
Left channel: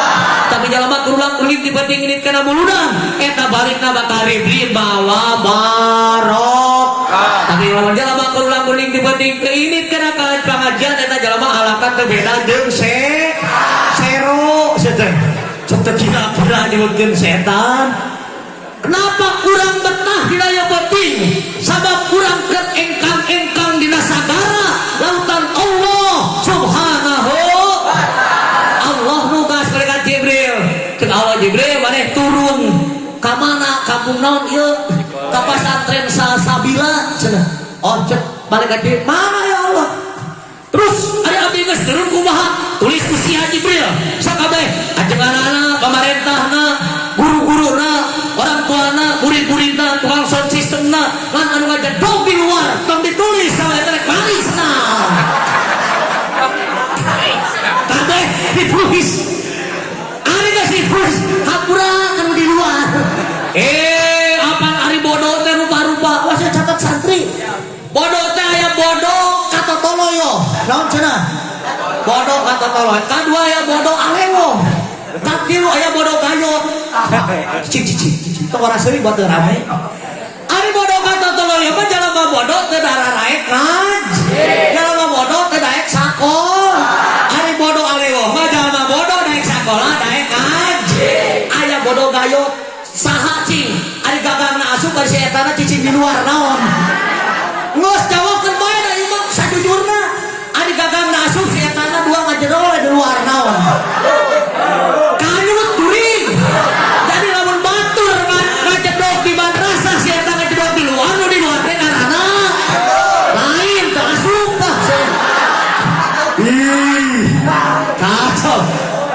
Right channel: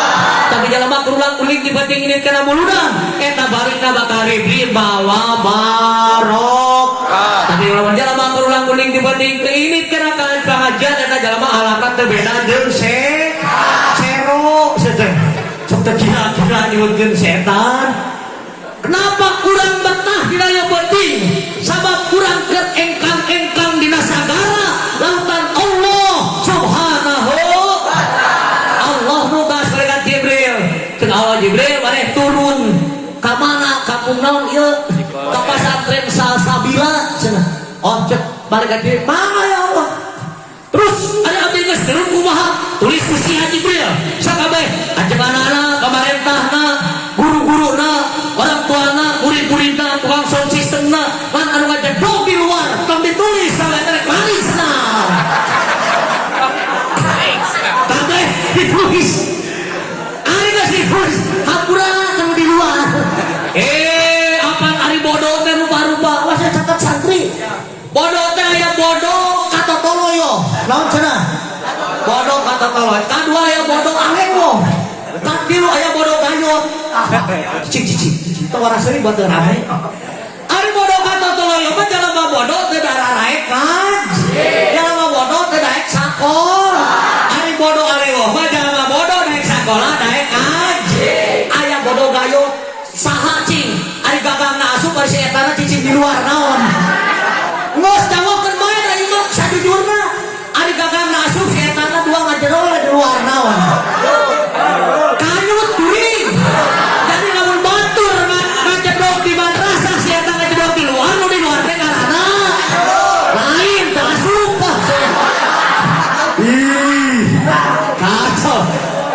Tapi jalma kurulang-kuruling dibanding ini kana muludan eta balikna bakal ribri bawa barok. Tapi lamun jalma kurulang-kuruling dibanding ke ini kana pengajian eta jalma alakan teu beda jeung kira-kira diurkeun setan. Kenapa kurang betah di daya penting? Sabab kurang ket engkang-engkang dina sagara lautan Allah Subhanahu. Allah muga sarekat Jibril. Ceuk Allah Jibril maneh turun ka mana kampung naon ieu? Ka pasantren Salsabila cenah. Oh cek balik ka dieu. Mana ya Allah? Terus ada abdi geus turun kumaha? Tulis usia Jibril. Sakabeh ajenganana pamarentahna, guru-guruna, orang tuana, murid-muridna, tukang sound systemna, lan anu ngajadog di luar, tong ditulis sama eta kaisna. Kabeh ditulis. Ari geus ditulis, kapura anu di luar. Apa ari bodoh teh rupa-rupa masih catat santri. Bodoh teh aya bodoh kata toloyo. Naon cenah? Bodoh kata toloyo. Kadua aya bodoh alengo. Kaki lu aya bodoh gayot. Cik. Tawara sering buat rame. Ari bodoh kata toloyo mah jalma bodoh teu darah naik kan. Jalma bodoh teu daek sakola. Ari bodoh alewo mah jalma bodoh daek sakola daek kan. Aya bodoh gayot saha cing. Ari gagangna asup bari si etana cicing di luar naon. Ngos jawabkeun bae da ieu mah sajujurna. Ari gagangna asup si etana dua ngajero di luar naon. Kanyut turing. Jadi lamun batur ngajedog di madrasah si eta ngajedog di luar nu di luar teh karana lain teu asup. Ih. Kacau.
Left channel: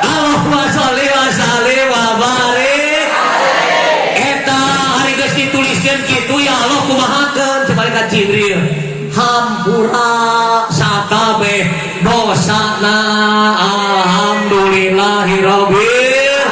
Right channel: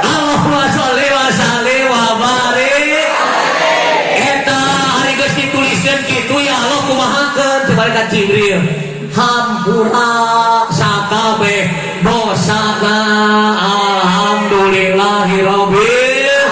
Allahumma sholli wa sallim wa barik. Eta ari geus dituliskeun kitu ya Allah kumahakeun cek ka Jibril. Hampura sakabeh dosana alhamdulillahirabbil.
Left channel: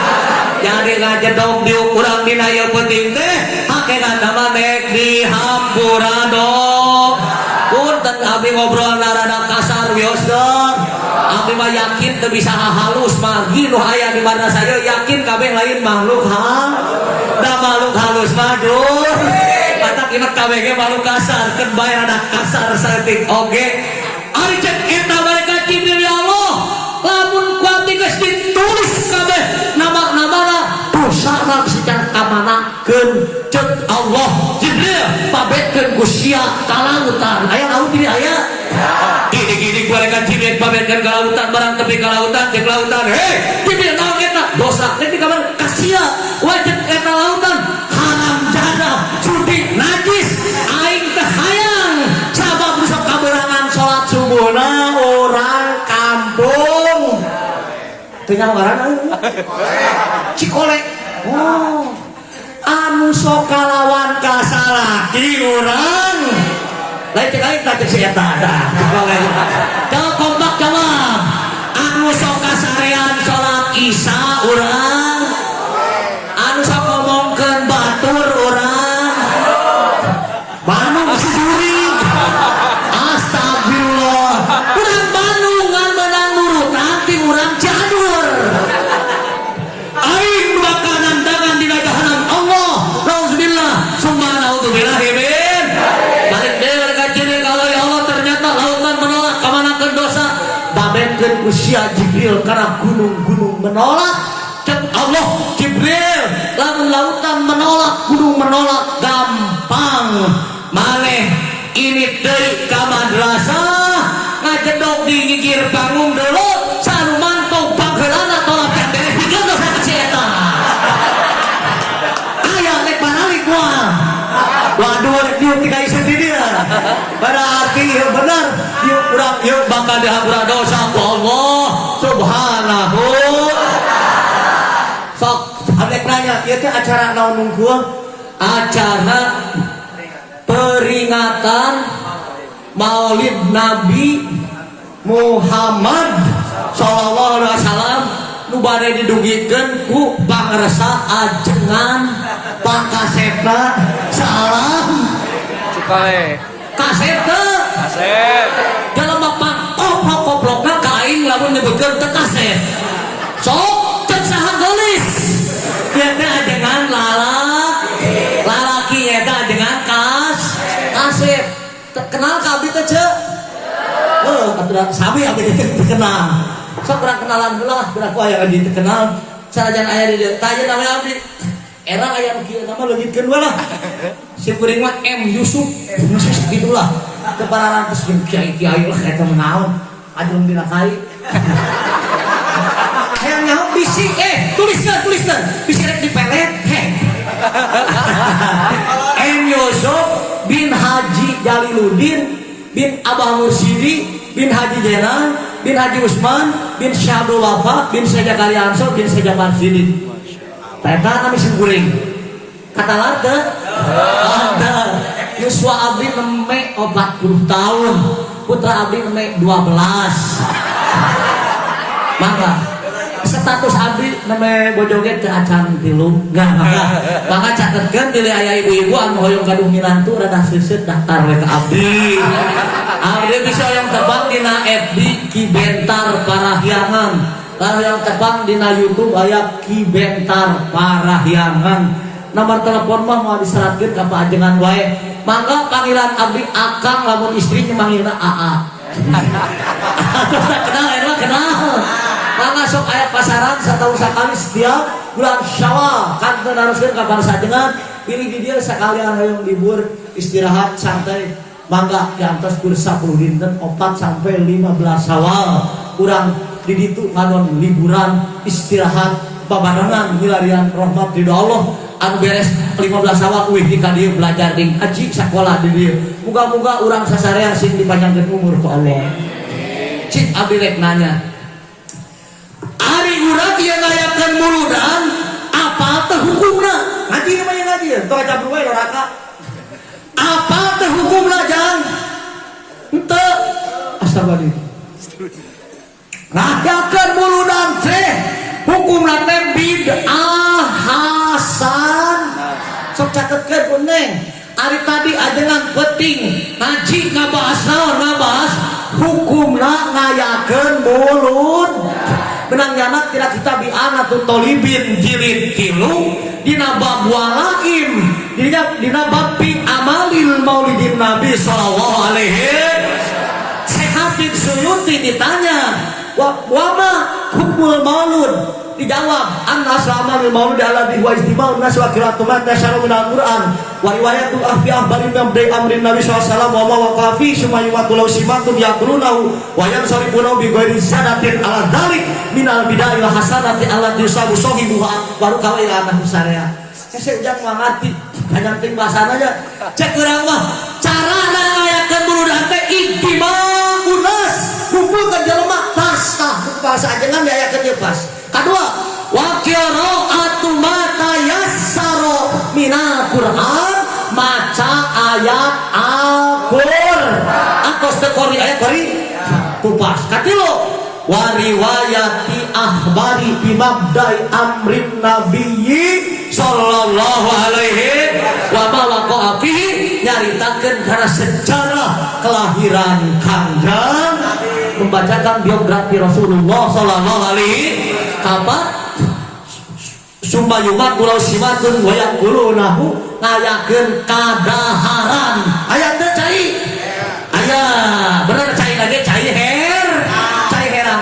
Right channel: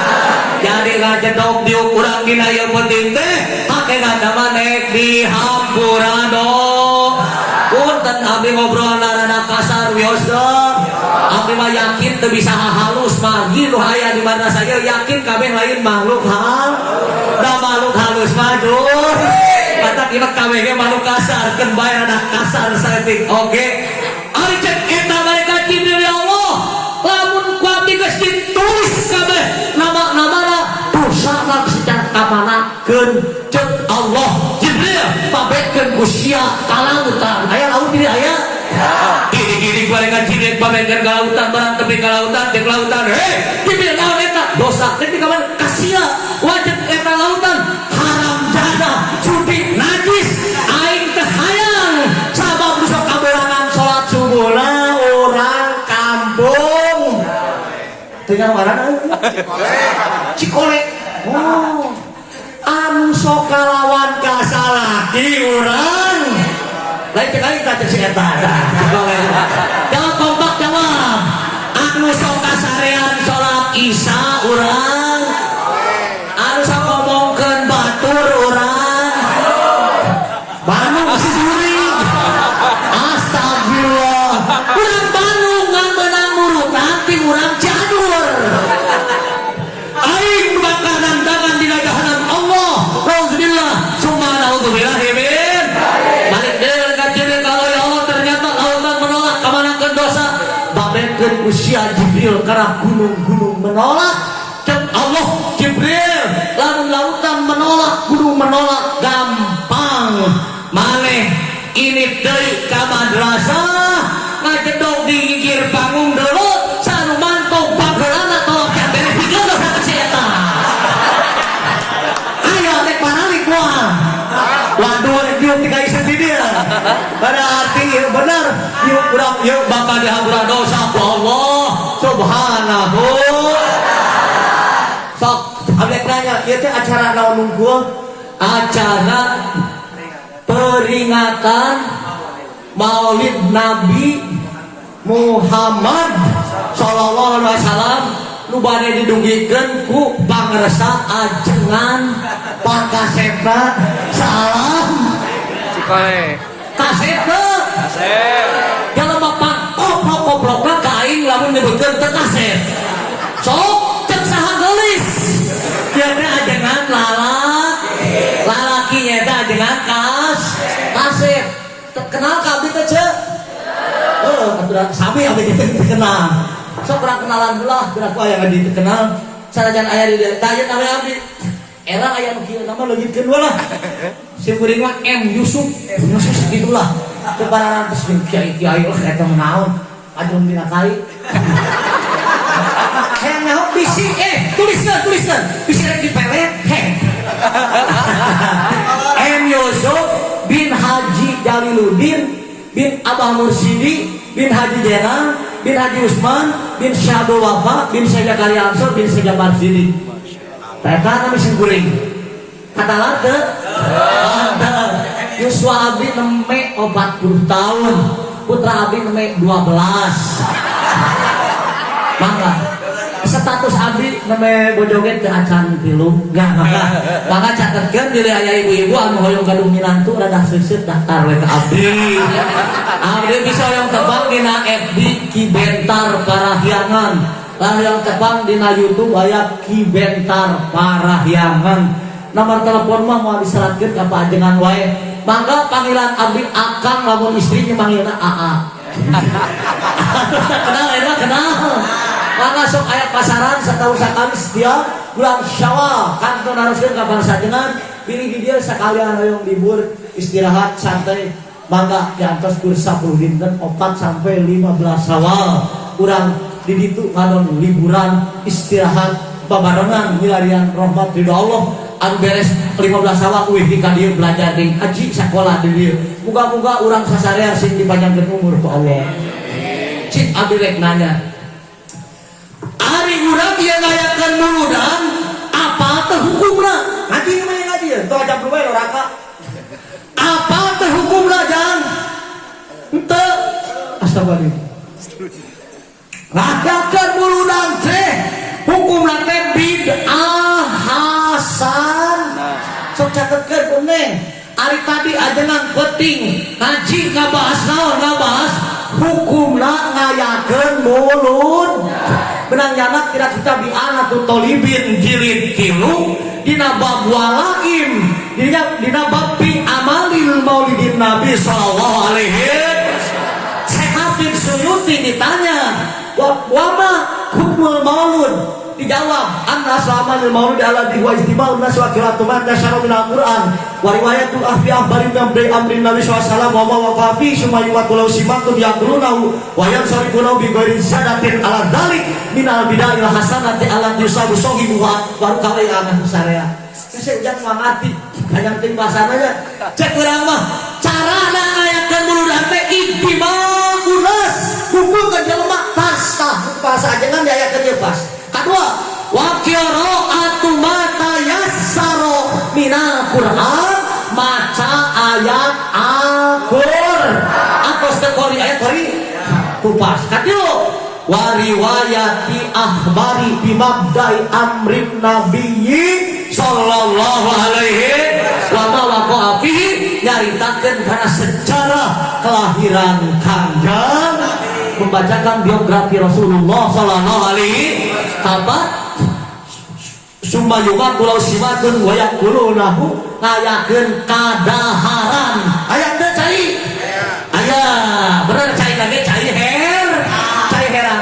Jadi ngajedog di urang dina ieu penting teh hakeunana maneh dihampura dong. Punten abi ngobrol rada kasar wios dong. Abi mah yakin teu bisa halus mah gitu aya di mana saja yakin kabeh lain makhluk da makhluk halus madur. Mata kimat kabeh ge makhluk kasar keun bae rada kasar saeutik oge. Ari cek eta bae ka Jibril ya Allah. Lamun ku abdi geus ditulis kabeh nama-namana dosana secara kamanakeun cek Allah Jibril pabetkeun ku sia ka lautan. Aya laut di aya. Gini-gini mereka Jibril pabetkeun ka lautan barang tepi ka lautan cek lautan. Heh, Jibril naon eta? Dosa teh di kaman kasia wajib eta lautan haram jana judi najis aing teh hayang sabab rusak kaberangan salat subuhna orang kampung. Tengah warana Cikole. Oh. Anu sok kalawan kasalaki urang. Lain kali kita si eta. Jawab kompak jawab. Anu sok kasarian salat Isya urang. Anu sok ngomongkeun batur urang. Bandung sisuring. Astagfirullah. Urang Bandung ngan menang nurut nanti urang Cianjur. Aing bakaran tangan di jahanam Allah. Nauzubillah. Summa naudzubillahi min. Balik deui ka Jibril kalau ya Allah ternyata lautan menolak kamanakeun dosa. Babetkeun usia Jibril karena gunung-gunung menolak. Cek Allah Jibril lamun lautan menolak gunung menolak gampang. Maneh ini deui ka madrasah ngajedog di ngigir panggung deuleu sanu mantau bageulana tolak yang beres bikin dosa ka si eta. Ayo nek panalik moal. Waduh rek dieu tiga ieu sendiri berarti ieu benar ieu urang ieu bakal dihampura dosa ku Allah subhanahu. Sok abek nanya ieu teh acara naon nunggueun? Acara peringatan Maulid Nabi Muhammad sallallahu alaihi wasallam nu bade didugikeun ku pangarsa ajengan pakasepna salam Cikole. kasepna dalam bapak koplok-koplokna kain lamun nyebutkeun teu kasep sok cek saha geulis ieu teh ajengan lalaki eta ajengan kasep kenal ka abdi teh ceuk. Oh, aturan sabi abdi teh kenal. Sok urang kenalan heula, geura ku aya di kenal. Sarajan aya di dieu, tanya nama abdi. Era aya nu kieu nama leugitkeun heula. Si kuring mah M Yusuf gitulah. Teu pararan geus kiai-kiai eta mah naon? Ajung dina kali. Hayang nyaho bisi tuliskeun. Bisi rek dipelet. M Yusuf bin Haji Jaliluddin bin Abah Mursidi bin Haji Jenal bin Haji Usman bin Syabul Wafa bin Syajakaria Ansor bin Syajamar Sidi. Eta kami singkuring. Kata late. Yuswa abdi neme 40 tahun. Putra abdi neme 12. Mangga. Status abdi neme bojoget ke acan tilu nya maka catetkeun di aya ibu-ibu anu hoyong gaduh milantu rada seuseut daftar we ka abdi. Abdi bisa yang tebal dina FB Ki Bentar Parahyangan layang tepang dina YouTube aya Ki Bentar Parahyangan. Nomor telepon mah mau diseratkeun ka panjenengan wae. Mangga panggilan abdi Akang lamun istri manggilna AA. Kenal. Mangga sok aya pasaran setahun sekali setiap bulan Syawal kantun haruskeun ka bangsa dengan pilih di dia sekalian hoyong libur istirahat santai. Mangga diantos kur 10 dinten 4 sampai 15 Syawal urang di ditu ngalon liburan istirahat babarengan milarian rahmat ridho Allah anu beres 15 Syawal wih ka dieu belajar ding haji sakola di dieu. Muga-muga urang sasarea sing dipanjangkeun umur ku Allah. Cik abdi rek nanya. Ari urang ieu ngayakeun muludan apa teh hukumna? Ngaji mah ngaji teu ajab bae oraka. Apa teh hukumna jang? Henteu asabari. Ngayakeun muludan teh hukumna teh bid'ah hasan. Sok catetkeun Neng. Ari tadi ajengan penting ngaji ngabahas naon ngabahas hukumna ngayakeun mulud. Benang tidak kita bi'anatul tolibin jilid 3 dina bab walaim dina bab fi amalil maulidin Nabi sallallahu alaihi Habib Suyuti ditanya wama hukmul maulud dijawab anna amalil maulud ala wa ijtima'un nas wa qira'atu man nasara min al-Qur'an wa riwayatul ahfi ahbari min amrin Nabi sallallahu alaihi wasallam wa qafi summa yuwatul sibatu yaqulunahu wa yansarifuna bi ghairi zadatin ala dzalik min al-bid'ah wa hasanati allati yusabu sahibuha wa qawailan syariah. Saya jangan ngerti hanya penting pelasananya cek urang mah carana ngayakeun muludan teh ijtima'un nas kumpulkeun jelema pasca bahasa ajengan diayakeun pas. Kedua, wa qira'atu ma tayassara minal Qur'an maca ayat Al-Qur'an. Atos teh kori ayat kori kupas. Katilu wa riwayati akhbari bi mabda'i amrin nabiyyi sallallahu alaihi wa waqa'a fihi nyaritakeun kana sejarah kelahiran kanjeng membacakan biografi Rasulullah sallallahu alaihi apa sumbayumat pulau simatun wayak kulunahu ngayakeun kadaharan aya teu cai aya bener cai lagi cai heran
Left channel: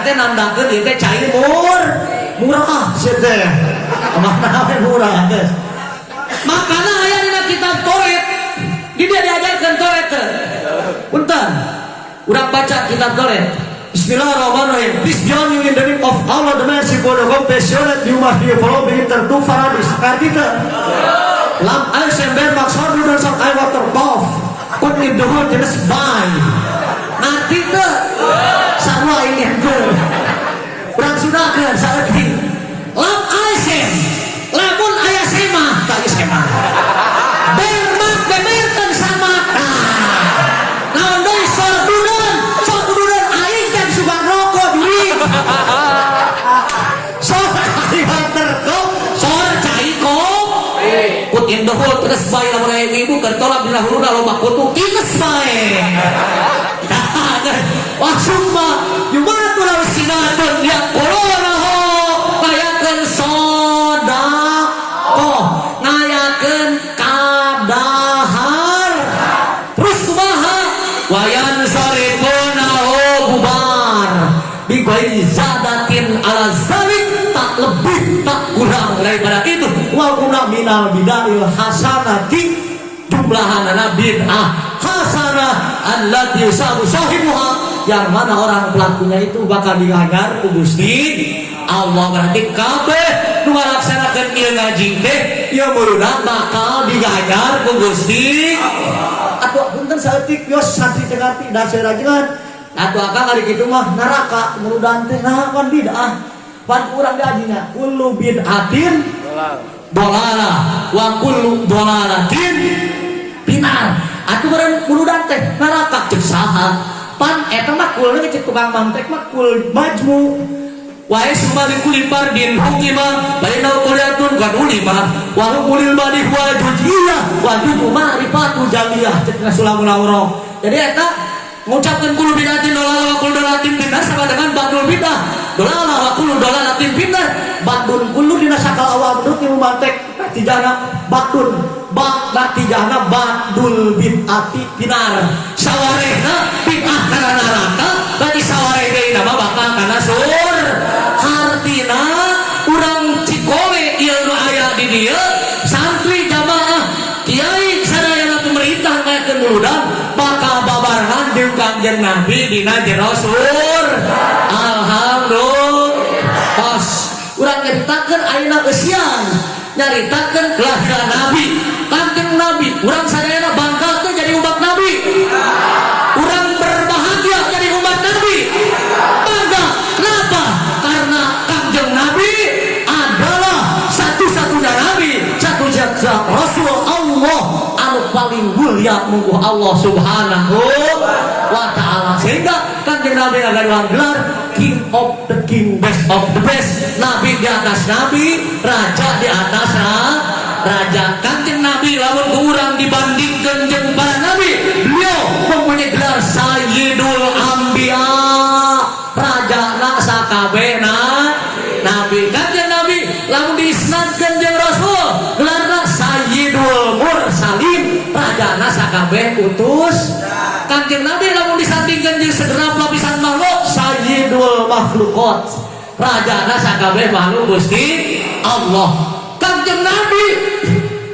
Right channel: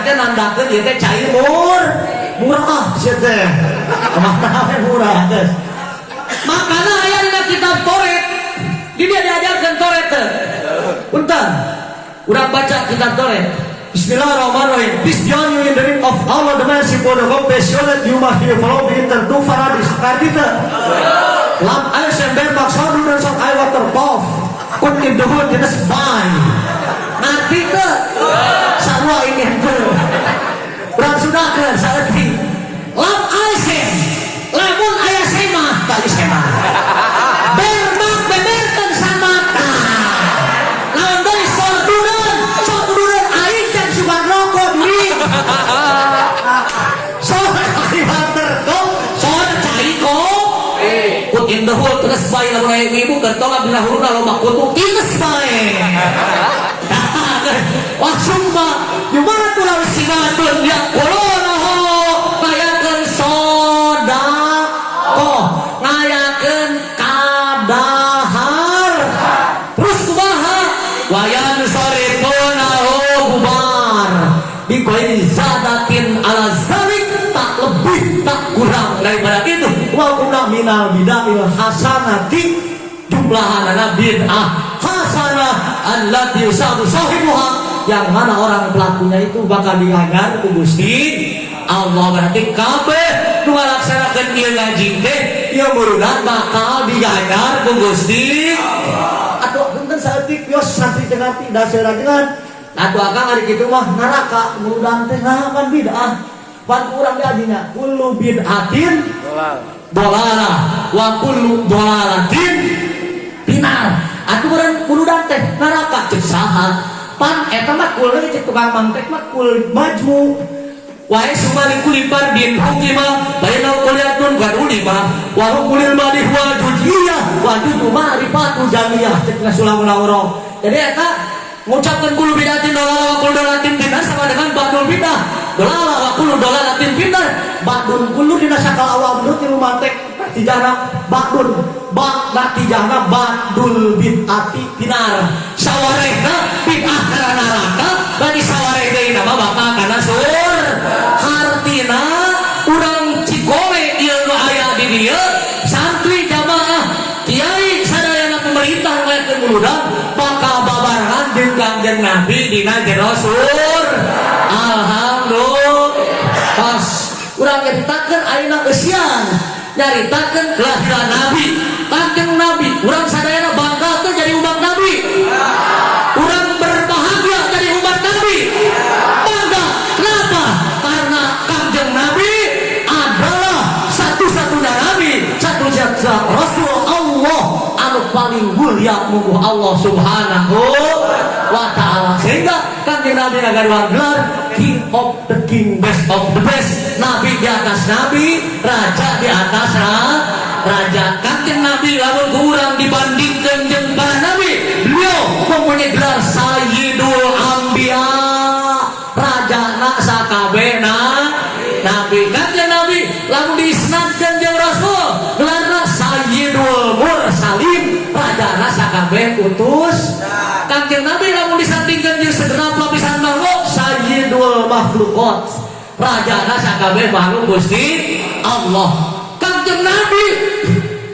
teh nandakeun ieu teh cai murah sia teh makanan murah teh makana aya dina kitab Toret di dia diajarkeun Toret teh punten urang baca kitab Toret. Bismillahirrahmanirrahim. This journey in the name of Allah, the merciful, the compassionate, you must be followed in the two Faradis. Kartika. Lam air sember maksudun dan sang air water bath. Put in the wood in the spine. Kartika. Sarwa ini hangul. Berang sudah ke saati. Lam air sem. Lamun ayah sema. Kali sema. Bermak beberkan sama ka. Nambah sodunan. Sodunan aing kan suka rokok diri. Soal water go. Soal cai go. Put in the hole terus bae lamun aya ibu kertolak dina huruna lo makutu tiges bae. Wah summa gimana pulau sinatun ya corona ho ngayakeun sedekah ngayakeun kadahar terus kumaha wayan sarifuna bubar bi ghairi zadatin ala zalik tak lebih tak kurang daripada itu wa kunna minal bid'ah hasanati jumlahanana bid'ah hasanah allati yusabu sahibuha yang mana orang pelakunya itu bakal diajar ku Gusti Allah. Berarti kabeh nu ngalaksanakeun ieu ngaji teh ieu muludan bakal diajar ku Gusti atuh punten saeutik yos santri teh ngarti da serajengan atuh akang ari kitu mah neraka muludan teh naon bid'ah pan urang diadinya kullu bid'atin dolalah wa kullu dolalatin pinar atuh urang muludan teh neraka ceuk saha pan eta mah kul ge cek tukang mantek mah kul majmu wae sumali kulipar din hukima baina kuliatun gadulima wa hukulil badi wal jujiyah wa dudu ma'rifatu jamiyah cek Rasulullah lauro. Jadi eta ngucapkeun kul bidatin wa kul dalatin bidah sama dengan badul bidah dolala wa kullu dolalatin finnar. Bakdun kullu dina sakala awamrut ilmu mantek natijana bakdun bak natijana badul bid'ati finar. Sawarehna bid'ah kana neraka bagi sawareh deui nama bakal kana sur. Hartina urang Cikole ieu nu aya di dieu santri jamaah kiai sadayana pemerintah ngakeun muludan bakal babarengan jeung Kanjeng Nabi dina jero sur. Alhamdulillah. Pas urang nyaritakeun ayeuna eusian nyaritakeun kelahiran Nabi Kanjeng Nabi urang sadayana bangga teh jadi umat Nabi. Urang berbahagia jadi umat Nabi. Bangga kenapa? Karena Kanjeng Nabi adalah satu-satunya Nabi, satu-satunya Rasul Allah anu paling mulia mugu Allah Subhanahu wa ta'ala. Sehingga Kanjeng Nabi agar gelar King of the King, best of the best. Nabi di atas Nabi, Raja di atas Raja. Kanjeng Nabi lamun kurang dibandingkan jeung para Nabi, beliau mempunyai gelar Sayyidul Anbiya, Raja na sakabehna Nabi. Kanjeng Nabi lamun diisnadkeun jeung Rasul, gelarna Sayyidul Mursalin, Raja na sakabeh utus. Kanjeng Nabi lamun disandingkeun jeung segenap lapisan makhluk, Sayyidul Makhluqat, Raja na sakabeh makhluk Gusti Allah. Kanjeng Nabi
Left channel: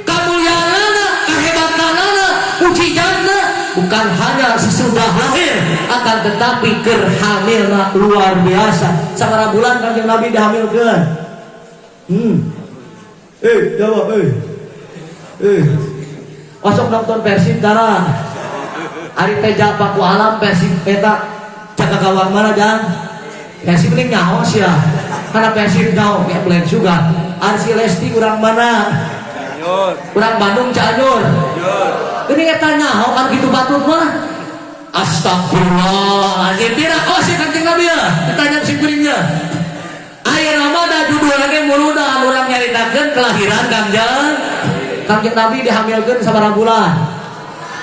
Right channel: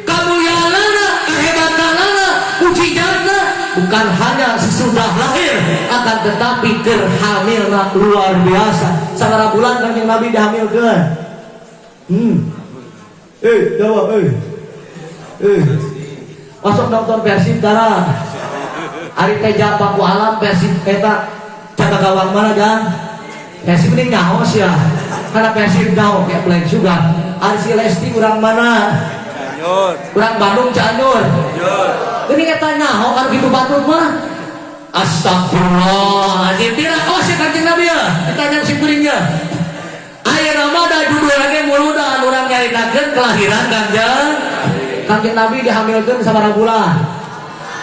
kamuliaanna, kehebatanna, mujizatna bukan hanya sesudah lahir, akan tetapi hamilna luar biasa. Sabaraha bulan Kanjeng Nabi dihamilkeun? Jawab masuk nonton Persib tara. Ari teh japa ku alam Persib eta jaga gawang mana dan Persib ini nyaho sia. Karena Persib nyaho kayak blank juga. Ari si Lesti urang mana? Cianjur. Urang Bandung Cianjur. Ini eta nyaho kan kitu batur mah. Astagfirullah. Tidak oh si Kanjeng Nabi ya. Ditanya si kuringnya. Ayeuna mah da judulna muludan urang nyaritakeun kelahiran Kanjeng Nabi dihamilkeun sabaraha bulan?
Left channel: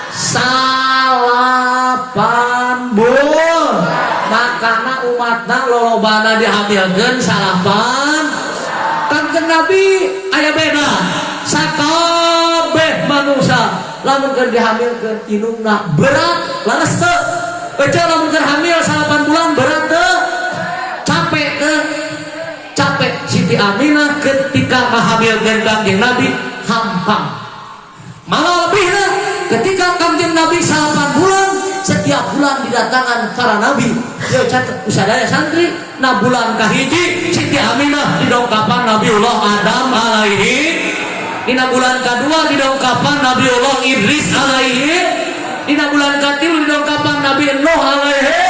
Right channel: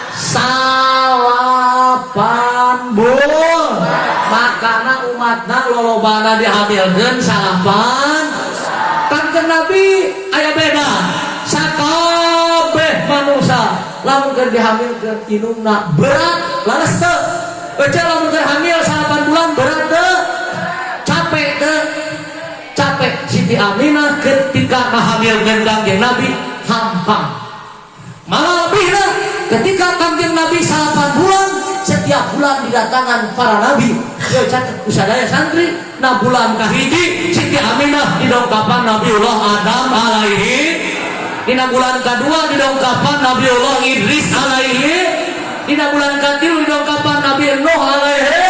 8 bulan. Makana umatna lolobana dihamilkeun 8. Kanjeng Nabi aya beda. Sakabeh manusia lamun keur dihamilkeun inungna berat laras teu. Baca lamun keur hamil 8 bulan berat teu. Capek teu. Capek Siti Aminah ketika ngahamilkeun Kanjeng Nabi hampang. Malah lebihna ketika Kanjeng Nabi 8 bulan, setiap bulan didatangan para nabi. Yo catet usadaya santri, na bulan kahiji Siti Aminah didongkapan Nabiullah Adam alaihi. Dina bulan kedua didongkapan Nabiullah Idris alaihi. Dina bulan katilu didongkapan Nabi Nuh alaihi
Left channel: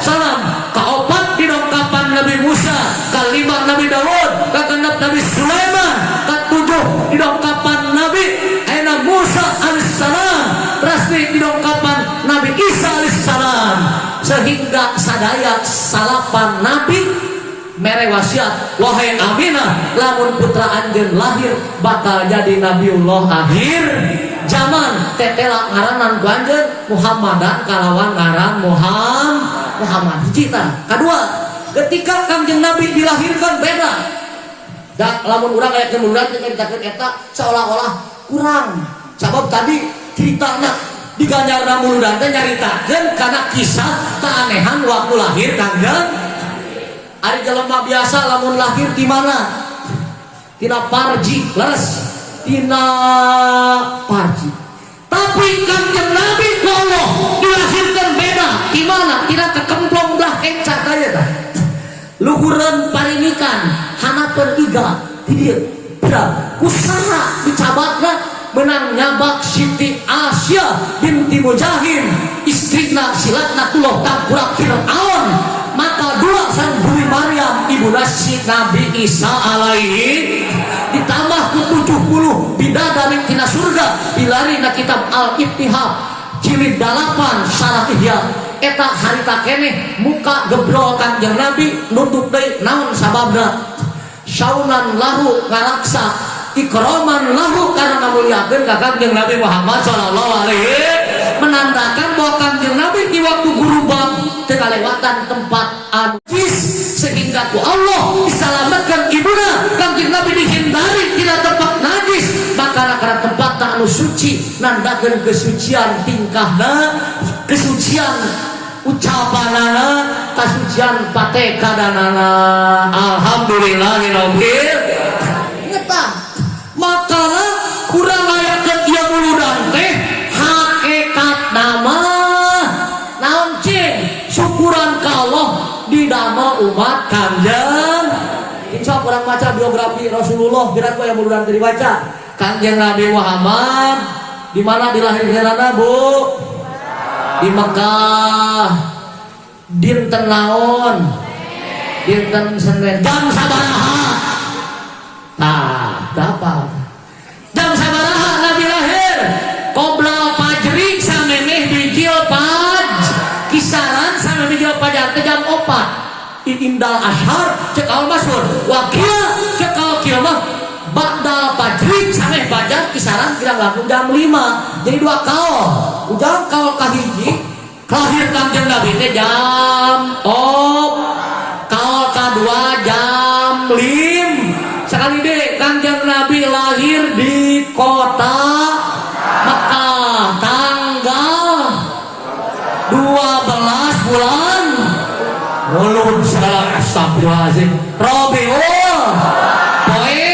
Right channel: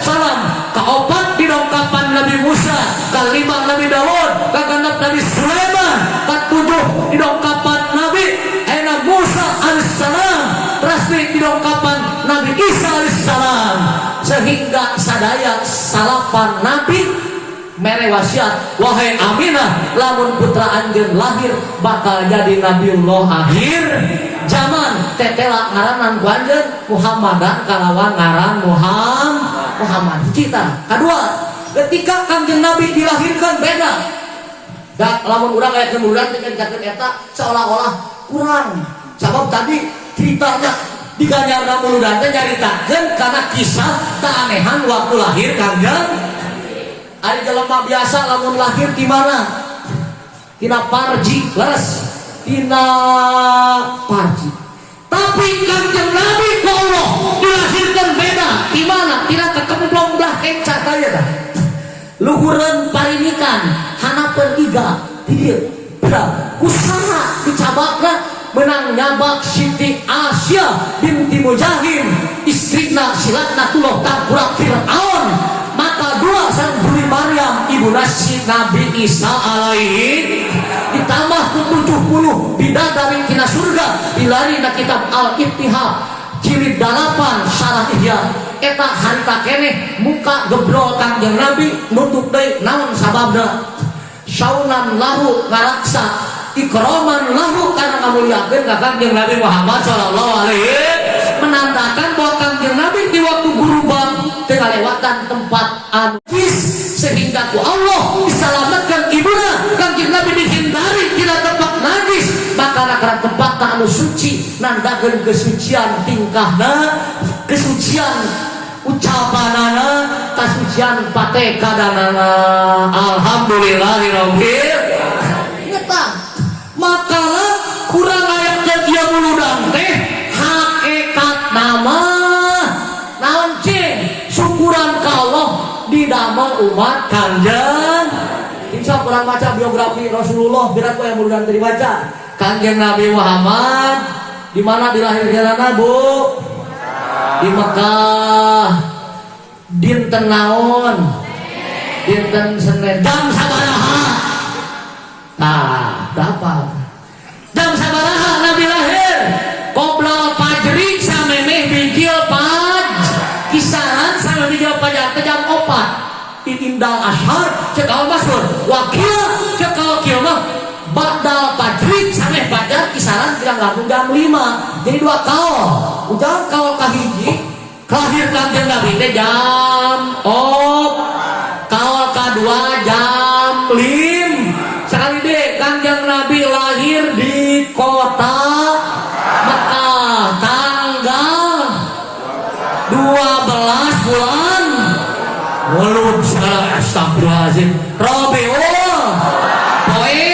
salam. Kaopat didongkapan Nabi Musa, kalima Nabi Daud, kagenep Nabi Sulaiman, katujuh didongkapan Nabi Musa alaihissalam, resmi didongkapan Nabi Isa alaihissalam. Sehingga sadaya salapan Nabi mere wasiat, wahai Aminah, lamun putra anjeun lahir bakal jadi Nabiullah akhir zaman. Tetela ngaranan ku anjeun Muhammadan kalawan ngaran Muhammad. Cita kedua, ketika Kanjeng Nabi dilahirkan beda. Da lamun urang aya kemudian dengan eta seolah-olah kurang. Sebab tadi ceritanya di Ganjarna Muludan teh nyaritakeun kana kisah keanehan waktu lahir Kanjeng. Ari jelema biasa lamun lahir di mana? Tina parji, leres. Tina parji. Tapi Kanjeng Nabi ku Allah dilahirkan beda. Di mana? Tina kekemplong belah encat aya tah. Luhureun parinikan, hanapeun iga di dieu. Kusaha dicabakna menang nyabak Siti Asya binti Mujahim, istrina silatna tuloh tangkurak Fir'aun. Maka dua sang Bumi Maryam ibu nasi Nabi Isa alaihi, ditambah ku 70 bidadari tina surga dilari na kitab Al-Ittihad jilid 8 syarah Ihya. Eta harita keneh muka gebrol Kanjeng Nabi nutup deui naon sababna? Saunan lahu ngaraksa, ikroman lahu karena ngamuliakeun ka Kanjeng Nabi Muhammad sallallahu alaihi, menandakan bahwa Kanjeng Nabi di waktu gurubang teu kalewatan tempat najis sehingga ku Allah diselamatkan ibuna Kanjeng Nabi dihindari tina tempat najis maka kana tempat anu suci nandakeun kesucian tingkahna kesucian ucapanana kasucian patekanana alhamdulillahirabbil ngeta maka kurang ayatkeun ieu muludan teh hakikat nama naon cing syukuran ka Allah di damel umat Kanjeng insya Allah baca biografi Rasulullah biar aku yang muludan dibaca Kanjeng Nabi Muhammad di mana dilahirkeunana Bu di Mekah dinten naon dinten Senin jam sabaraha nah berapa jam sabaraha Nabi lahir qoblal fajri samemeh bijil paj kisaran sama bijil paj jam 4 di indal ashar cekal masyhur wakil cekal kieu mah ba'dal fajri sameh fajar kisaran kira-kira jam 5 jadi 2 kaul ujang kaul kahiji lahir Kanjeng Nabi teh jam kaul kadua jam 5 sekali deh Kanjeng Nabi lahir di kota Mekah tanggal 12 bulan Walud salah astagfirullahaladzim Rabiul poe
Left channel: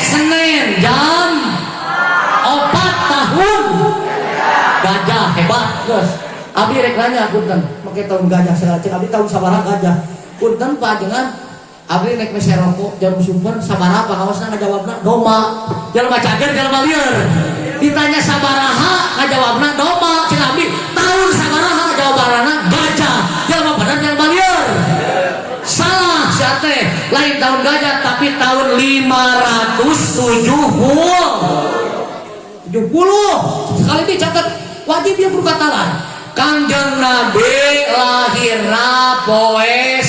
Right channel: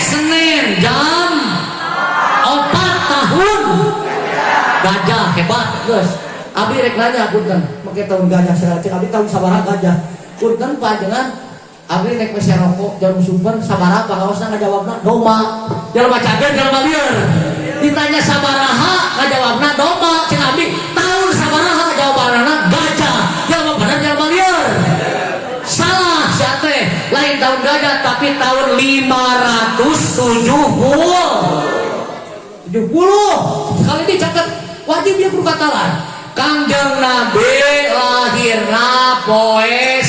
Senin jam 4 tahun gajah hebat guys abdi rek nanya punten make tahun gajah saya cek abdi tahun sabaraha gajah punten panjenengan abdi rek mese rokok jam sumber sabaraha pangaosna ngajawabna doma jelema cager jelema lieur ditanya sabaraha ngajawabna doma cek abdi tahun sabaraha ngajawabna gajah jelema bener jelema lieur salah sia teh lain tahun gajah tapi tahun 570 sekali dicatat wajib dia berkata lain Kanjeng Nabi lahirna poe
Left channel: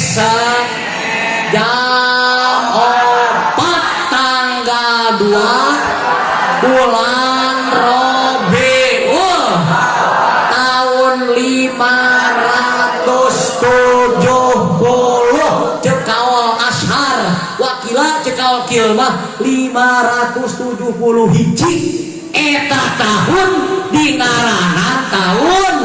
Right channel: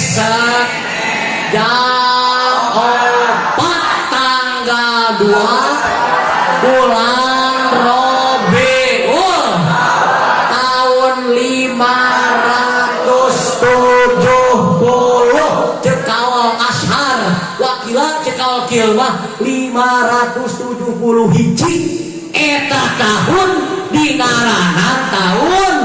jam 4 tanggal 2 bulan Rabiul tahun 570 cekal ashar wakila cekal kilmah 570 hiji eta tahun dinaranan tahun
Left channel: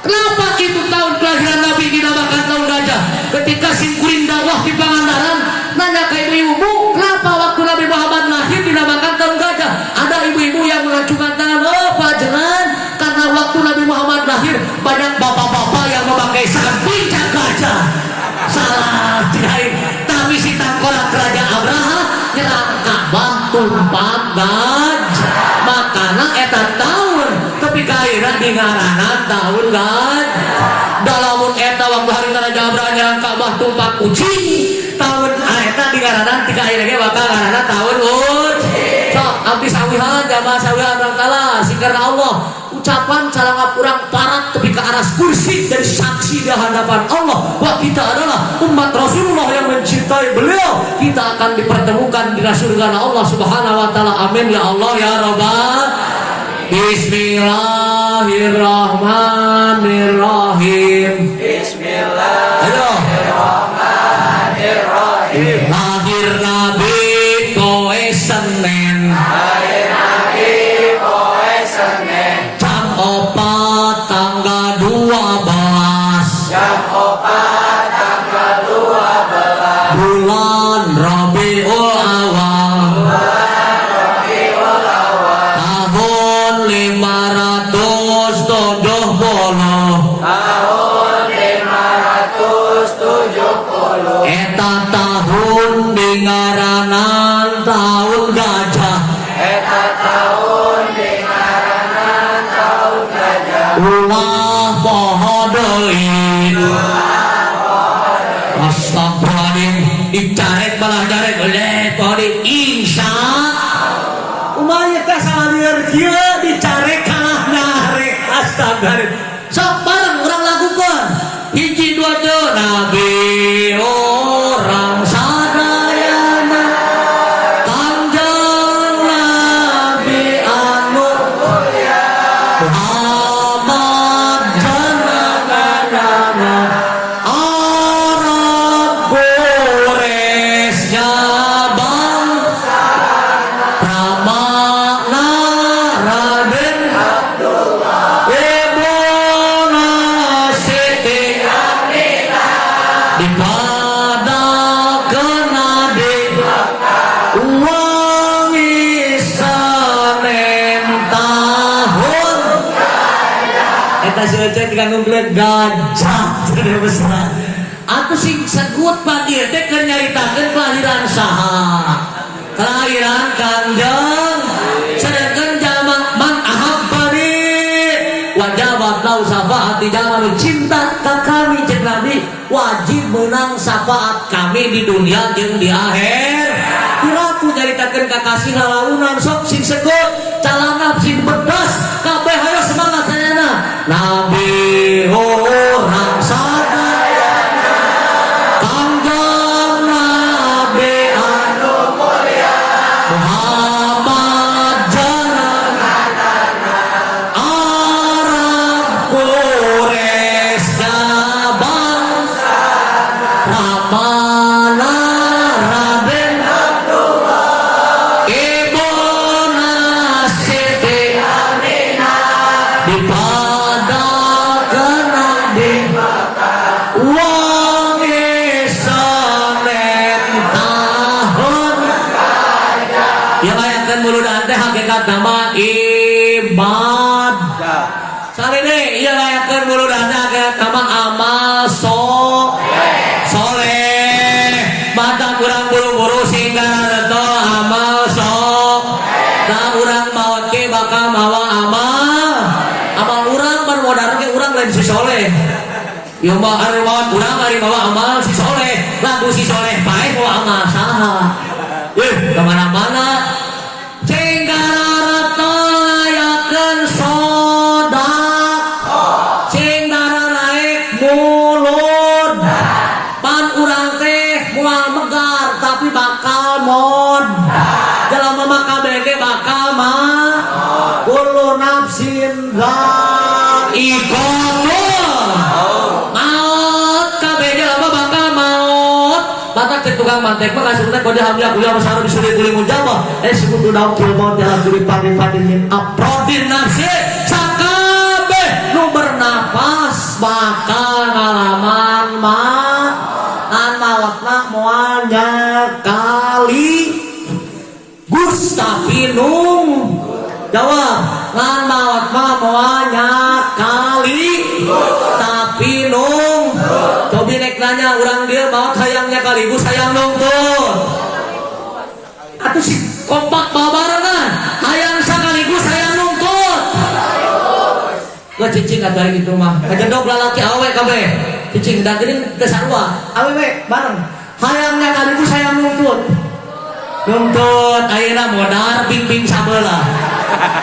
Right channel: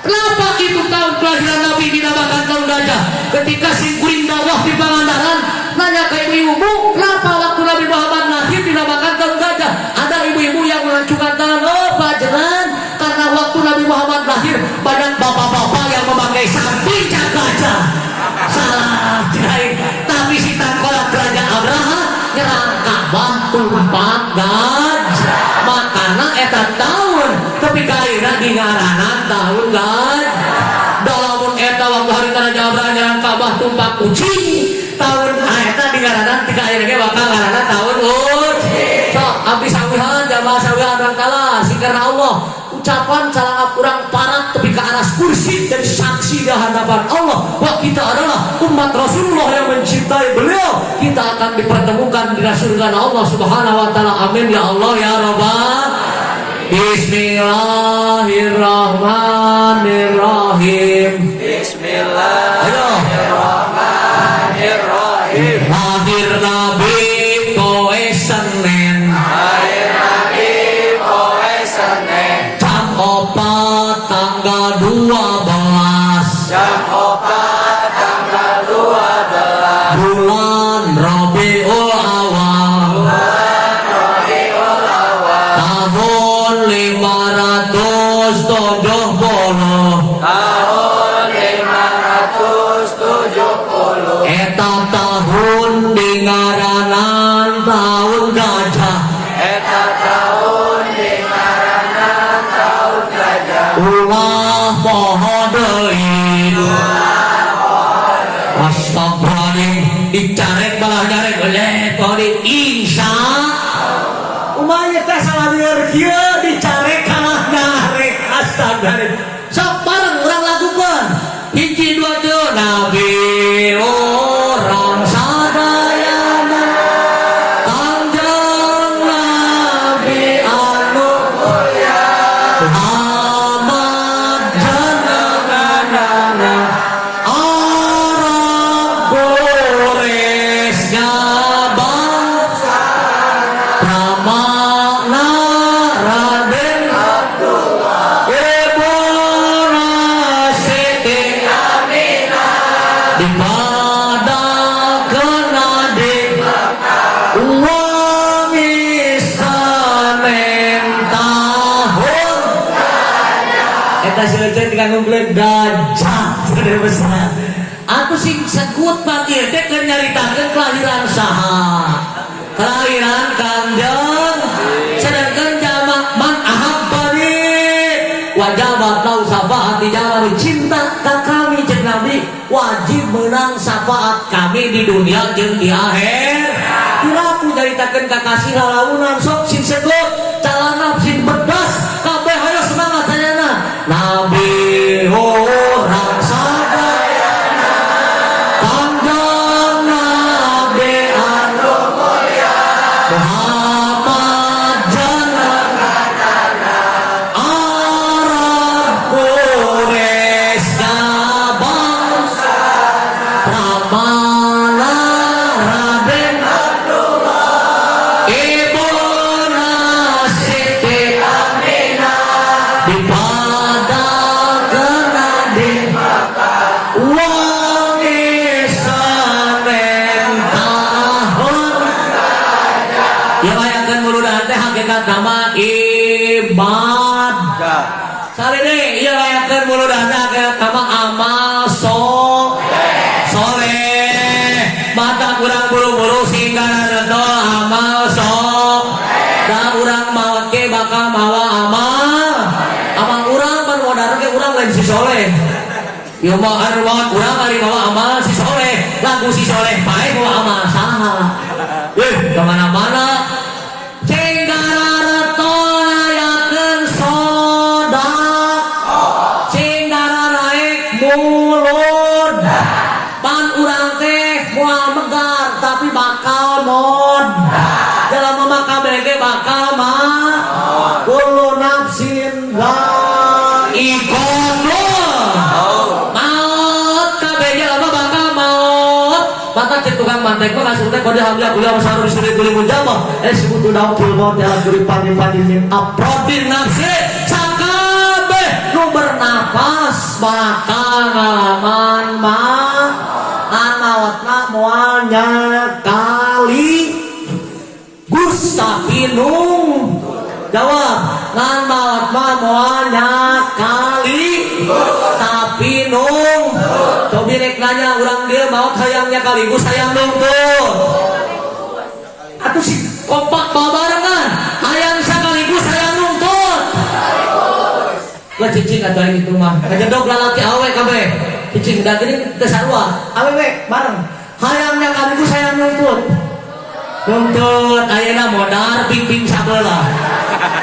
kenapa itu tahun kelahiran Nabi dinamakan tahun gajah ketika si kuring dakwah di Pangandaran nanya ke ibu-ibu kenapa waktu Nabi Muhammad lahir dinamakan tahun gajah ada ibu-ibu yang melancungkan tangan oh pajenan karena waktu Nabi Muhammad lahir banyak bapak-bapak yang memakai samping gajah salah tidak tapi si tangkola kerajaan Abraha nyerang Ka'bah tumpak gajah makana eta tahun tapi kaira dingaranan tahun dalamun eta waktu hari Raja Abraha nyerang Ka'bah tumpak kucing tahun eta dingaranan tiga akhirnya ge bakal ngaranna tahun sok abdi sawihan jamaah sawihan rangkala sing karena Allah ucapan salah kurang parat tapi ke aras kursi dan saksi di hadapan Allah bahwa kita adalah umat Rasulullah yang mencintai beliau kita akan dipertemukan di surga Allah Subhanahu wa taala amin ya Allah ya Rabbal Bismillahirrahmanirrahim Bismillahirrahmanirrahim lahir Nabi poe Senin jam 4 tanggal 12 bulan Rabiul Awal tahun 570 eta tahun dingaranan tahun gajah ulah poho deui astagfirullahaladzim dicarek balah nyarek pori Isa umanya teh salah dengar kieu dicarek kalah narek astagfirullahaladzim sok bareng urang lakukeun hiji dua teu Nabi orang sadayana Kanjeng Nabi anu mulia Ahmad jenengan Eta seuceut diganggu kulit gajah teu besar. Aku sing segut pagi teh keur nyaritakeun kelahiran saha. Kelahiran Kanjeng sedangkan jalma man ahabbani wajabat lau syafaat jalma cinta ka kami jeung Nabi wajib menang syafaat kami di dunia jeung di akhir. Piraku nyaritakeun kakasih halaunan sok sing segut calana sing bedas kabeh hayu semangat sayana. Nabi orang sadaya Kanjeng Nabi anu mulia Muhammad jalan Arab Quraisy bangsa Ramana Raden Ibu Nasiti dipadakeun adi wong isanen tahun ya layakeun muludan teh hakikat nama ibad salih ieu layakeun muludan teh hakikat nama amal soleh baca urang buru-buru sehingga ada amal dan urang make bakal mawa amal urang kan modal ge urang lain si soleh. Ieu mah ari bawa amal si soleh, lagu si soleh bae bawa amal saha. Kemana-mana Cinggara rayakeun sodak Cinggara naik mulud pan urang teh moal megar tapi bakal mod dalam mamakam ge bakal mah kullu nafsin dha'iqatul maut kabeh jelema bakal maut latak cek tukang mantek mah kasutna kode hamil kuliah masalah disuruh kuliah mujabah sebut udah kilmon jalan duri pandi-pandin aprodin nafsi sakabeh nu bernapas bakal ngalaman mah anawatna moal nyakali gus tapi nung jawab ngan maut mah moal nyakali tapi nung cobi rek nanya urang dia maut hayangnya kaligus hayang nungtut atuh si kompak babarengan hayang sakaligus hayang nungtut gua cicing atuh aing di rumah ngedendog lalaki awe kabeh cicing da geuning teu sarua awe we bareng hayangnya kaligus hayang nungtut ayeuna modar ping-ping sabeula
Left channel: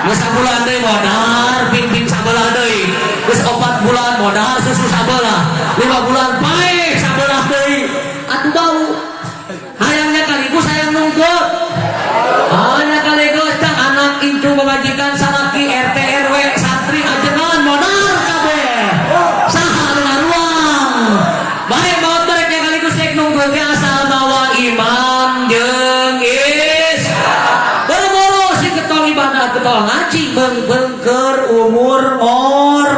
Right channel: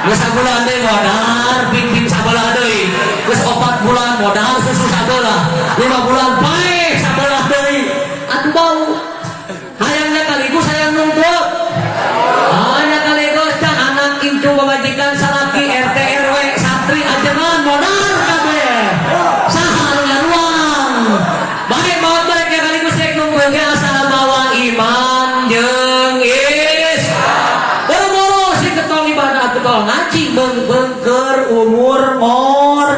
geus sabulan deui modar ping-ping sabeula deui geus 4 bulan modal susu sabeula 5 bulan pae sabeula deui atuh bau hayangnya kaligus hayang nungtut hanya kaligus teh anak incu majikan salaki RT RW santri ajengan modal kabeh saha ngaruang bae maot mereka kaligus cek nungtut ge asal mawa iman jeung berboro sing ketong ibadah ketong ngaji beungkeun umur ngor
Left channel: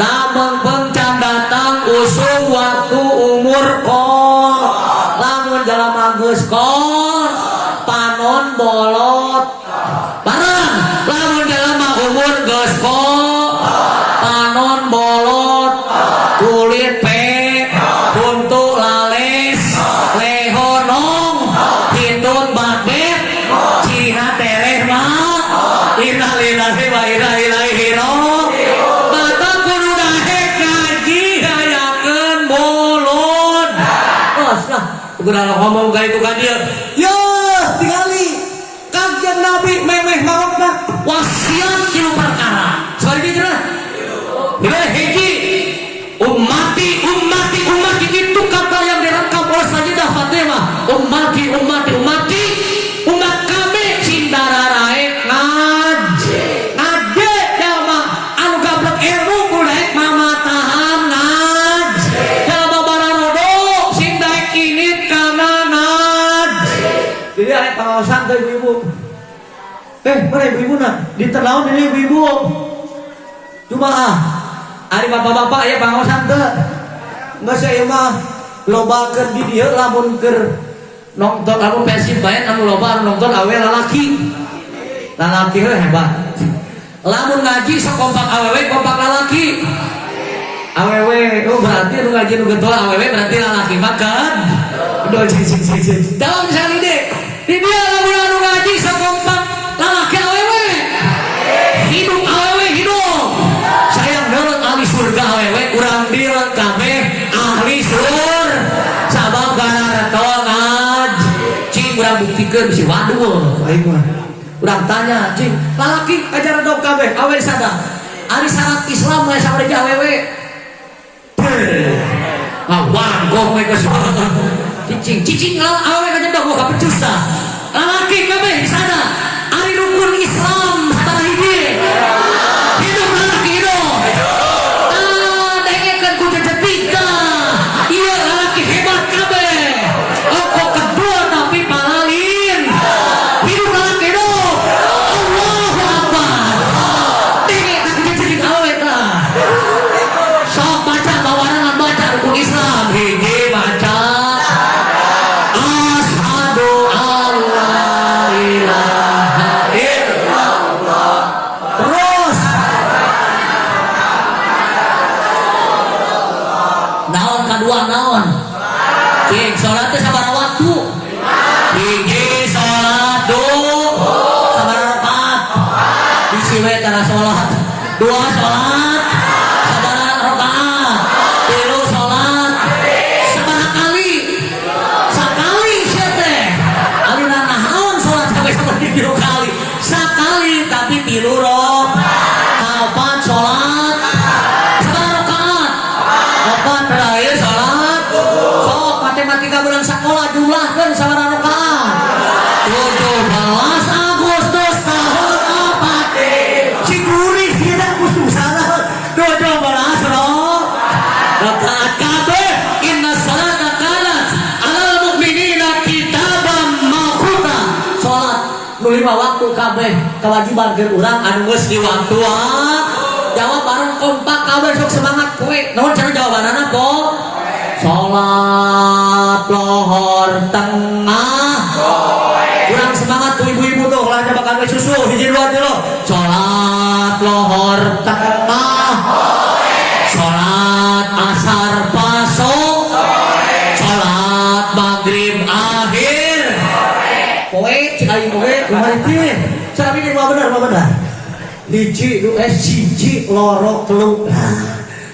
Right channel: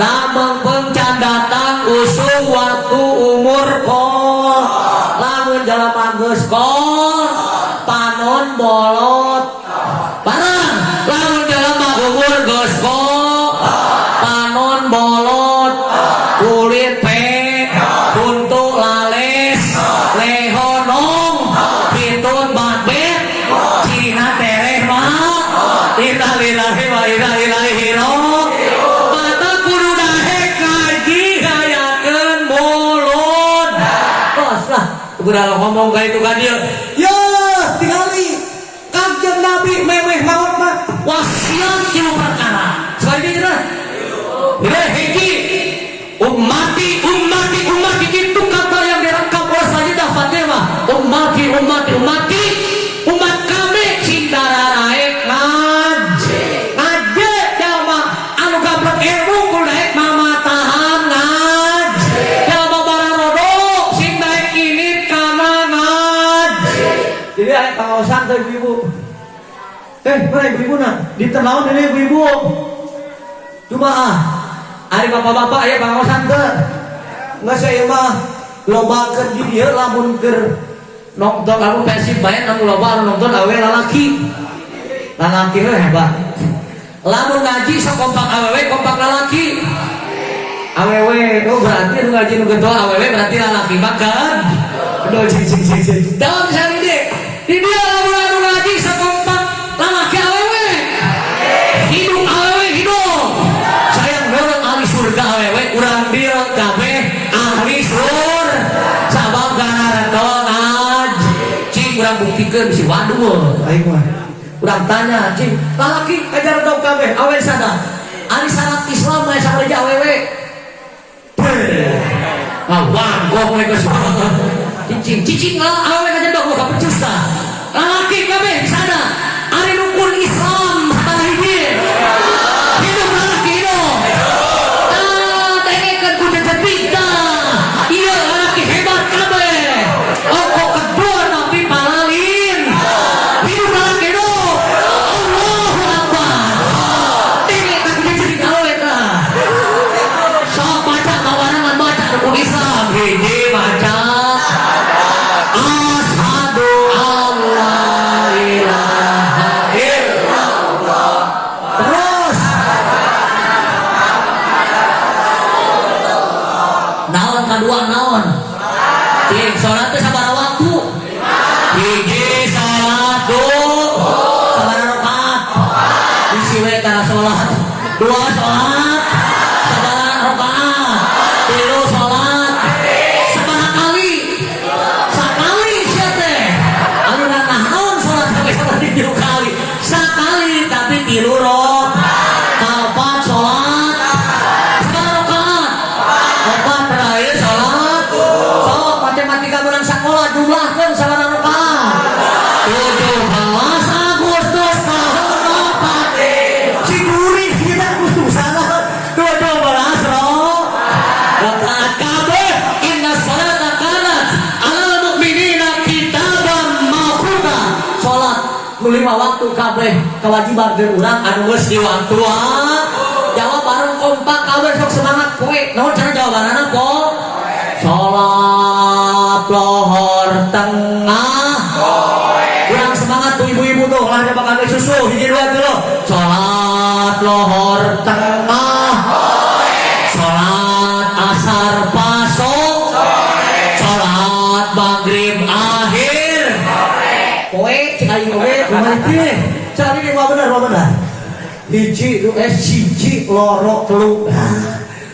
damang pengcan datang usung waktu umur kol lamun jalma geus kol panon bolot barang lamun jalma umur geus kol panon bolot kulit pe untuk lales lehonong hitun babet cina tereh mah innalillahi wa inna ilaihi raji'un kata kudu dahe kaji hayakeun mulut tos lah kudu ngomong ka itu ka dia ya tingali Kanjeng Nabi memeh maot mah wasiat kilu perkara soal ini cenah hiji ummati itu kata yang dirangkap oleh Sayyidah Fatimah umat kami cindara naik ngaji jalma anu gablek ilmu kudu daek mamatahan ngaji jalma bararodo sing daek ini kana ngaji jadi aya kawasan teh ibu mana ibu na ditenaun ini ibu cuma ari bapak-bapak aya kawasan teh nggak saya mah loba keur di dieu lamun keur nonton lamun Persib bae anu loba anu nonton awe lalaki hebat lamun ngaji sok kompak awewe kompak lalaki oh berarti nu ngaji nu geutoa awewe berarti lalaki makan. Aduh cing. Dalam misalnya di dia lamun nu ngaji sakompak lalaki awewe. Hidup awewe hidup. Sayang neureun ahli surga awewe urang dieu kabeh ahli surga. Sabab gara ngaji. Cing urang buktikeun si waduh. Aing mah. Urang tanya, cing, lalaki ajaran tau kabeh awewe sada. Ari syarat Islam mulai sampai di awewe. Awan kok mereka semua. Cicing awewe aja dong gak becus dah. Lalaki kabeh sada. Ari rukun Islam hatar hiji. Hidup lalaki hidup. Dengekeun ku jejebita. Ieu lalaki hebat kabeh. Ongko kedua tapi palalin. Hidup lalaki hidup. Allahu Akbar. Dengekeun ku jejebita awewe dah. Sok baca kawanan baca rukun Islam hiji baca. Asyhadu alla ilaha illallah. Terus naon kadua naon? Cing salat teh sabaraha waktu? Hiji salat sabaraha rakaat? Bisi we kana salat. Dua salat sabaraha rakaat? Tilu salat sabaraha kali? Sakali sia teh. Anu naon salat sampai sabar 3 kali. Sakali tapi 3 rakaat. Kapan salat? Sabaraha rakaat? Opat terakhir salat. Sok matematika barang sakola jumlahkeun sabaraha rakaat? 17 Agustus tahun 4. Cigurih tidak kudu salah. 17 rakaat kabeh. Inna sholata kanat 'alal mu'minina kitaban mawquta. Salat nu 5 waktu kabeh kewajiban keur urang anu geus diwaktuan. Jawab bareng kompak kabeh sok semangat kowe. Naon cara jawabanana, Po? Salat lohor tengah. Kurang semangat tuh ibu-ibu tuh lah coba kami susu hiji dua dulu. Salat lohor tengah. Salat asar pasok. Salat maghrib akhir. Kowe cek aing kowe kumaha cari ini mah bener. Hiji nu siji loro telu.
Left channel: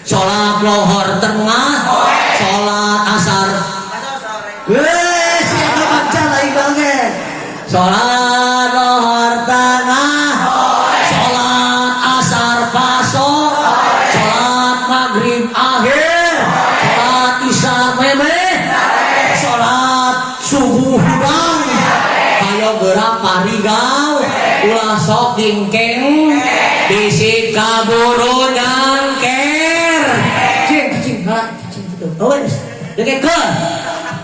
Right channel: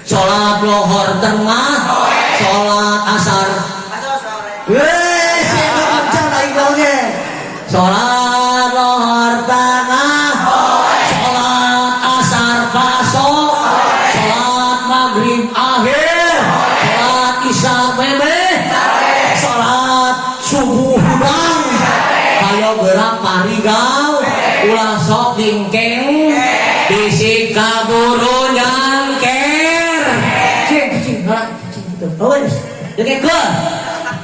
Salat lohor tengah. Salat asar. Siapa baca lain banget. Salat lohor tengah. Salat asar pasok. Salat maghrib akhir. Salat isya memeh. Salat subuh hudang. Kayo gerak parigau. Ulah sok dingkeng. Bisi kaburu nyangker. Cing gitu. Wes, dengekeun.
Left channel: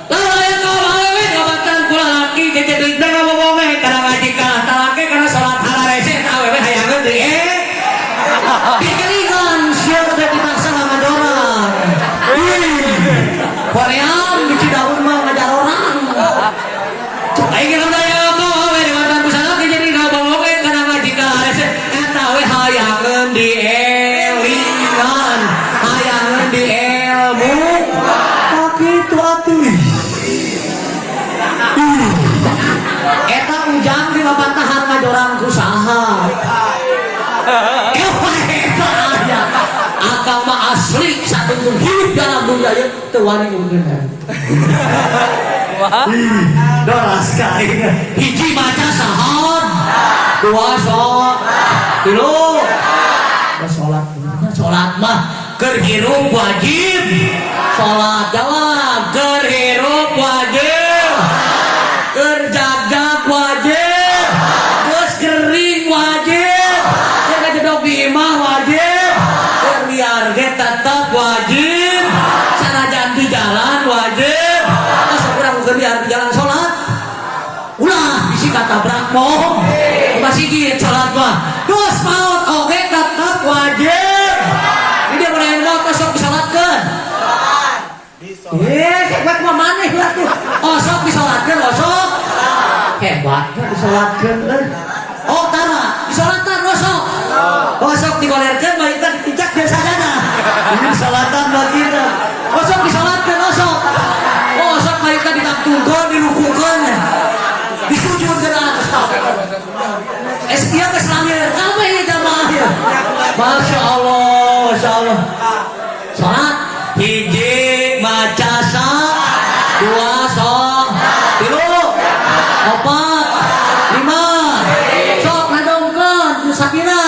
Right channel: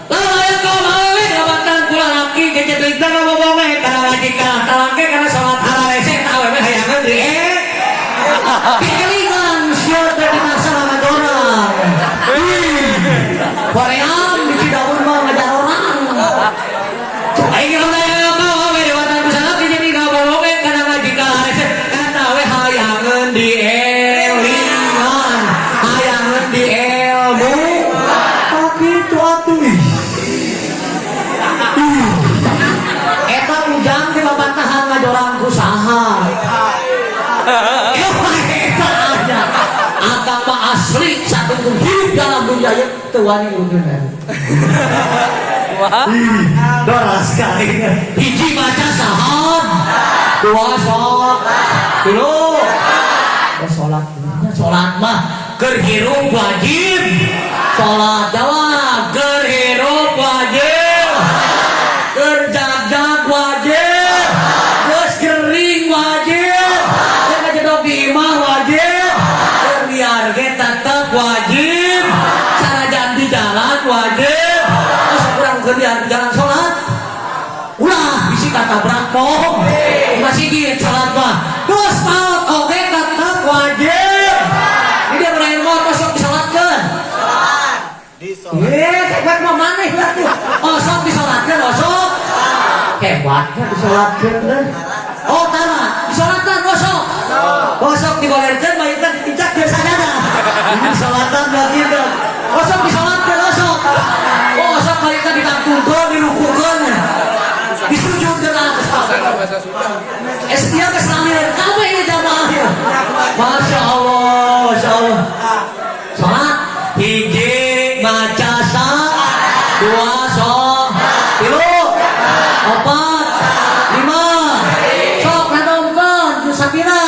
Lawan kau awewe ngabatan kula laki jejebita ngomong kana lagi kana talake kana salat halarese awewe hayangeun di dikelingan siapa teh dipaksa sama dorang. Korean di Cidaun mah ngajar orang. Aing ngomong awewe dewatan pusat jadi ngomong kana lagi kana halarese eta awewe hayangeun di elingan hayangeun di ilmu. Kitu atuh. Eta ujang di babatahan ngajoran ku saha. Eta aja. Akang mah asli satu hidup dalam dunia ieu teu wani urang. Wah. Doras sekali. Hiji maca sahod. Dua sok. Tilu. Salat mah keur hirup wajib. Salat jawab keur hirup wajib. Keur jagjag wajib. Geus gering wajib. Keur kajedog di imah wajib. Keur liar ge tetep wajib. Sanajan di jalan wajib. Asa urang keur liar di jalan salat. Ulah bisi katabrak kok. Masih gieu salat mah. Geus maot oge tetep wajib. Ini boleh motor sok disalatkeun. Hebat mah maneh lah tuh. Oh sok disalatkeun, oh sok. Hebatnya disalatkeun teh. Oh tara, disalatkeun sok. Oh sok digolerkeun balik ka dicak biasanya. Ini salatan bagi kita. sok disolatkeun sok. Oh sok mereka ditangtungkeun dirukukeun. Disujudkeun atas. Dia geus rame kabeh ieu jamaah ieu. Masya Allah. Salat hiji maca sa, dua sok, tilu, opat, lima, sok nadongkeun nu sabina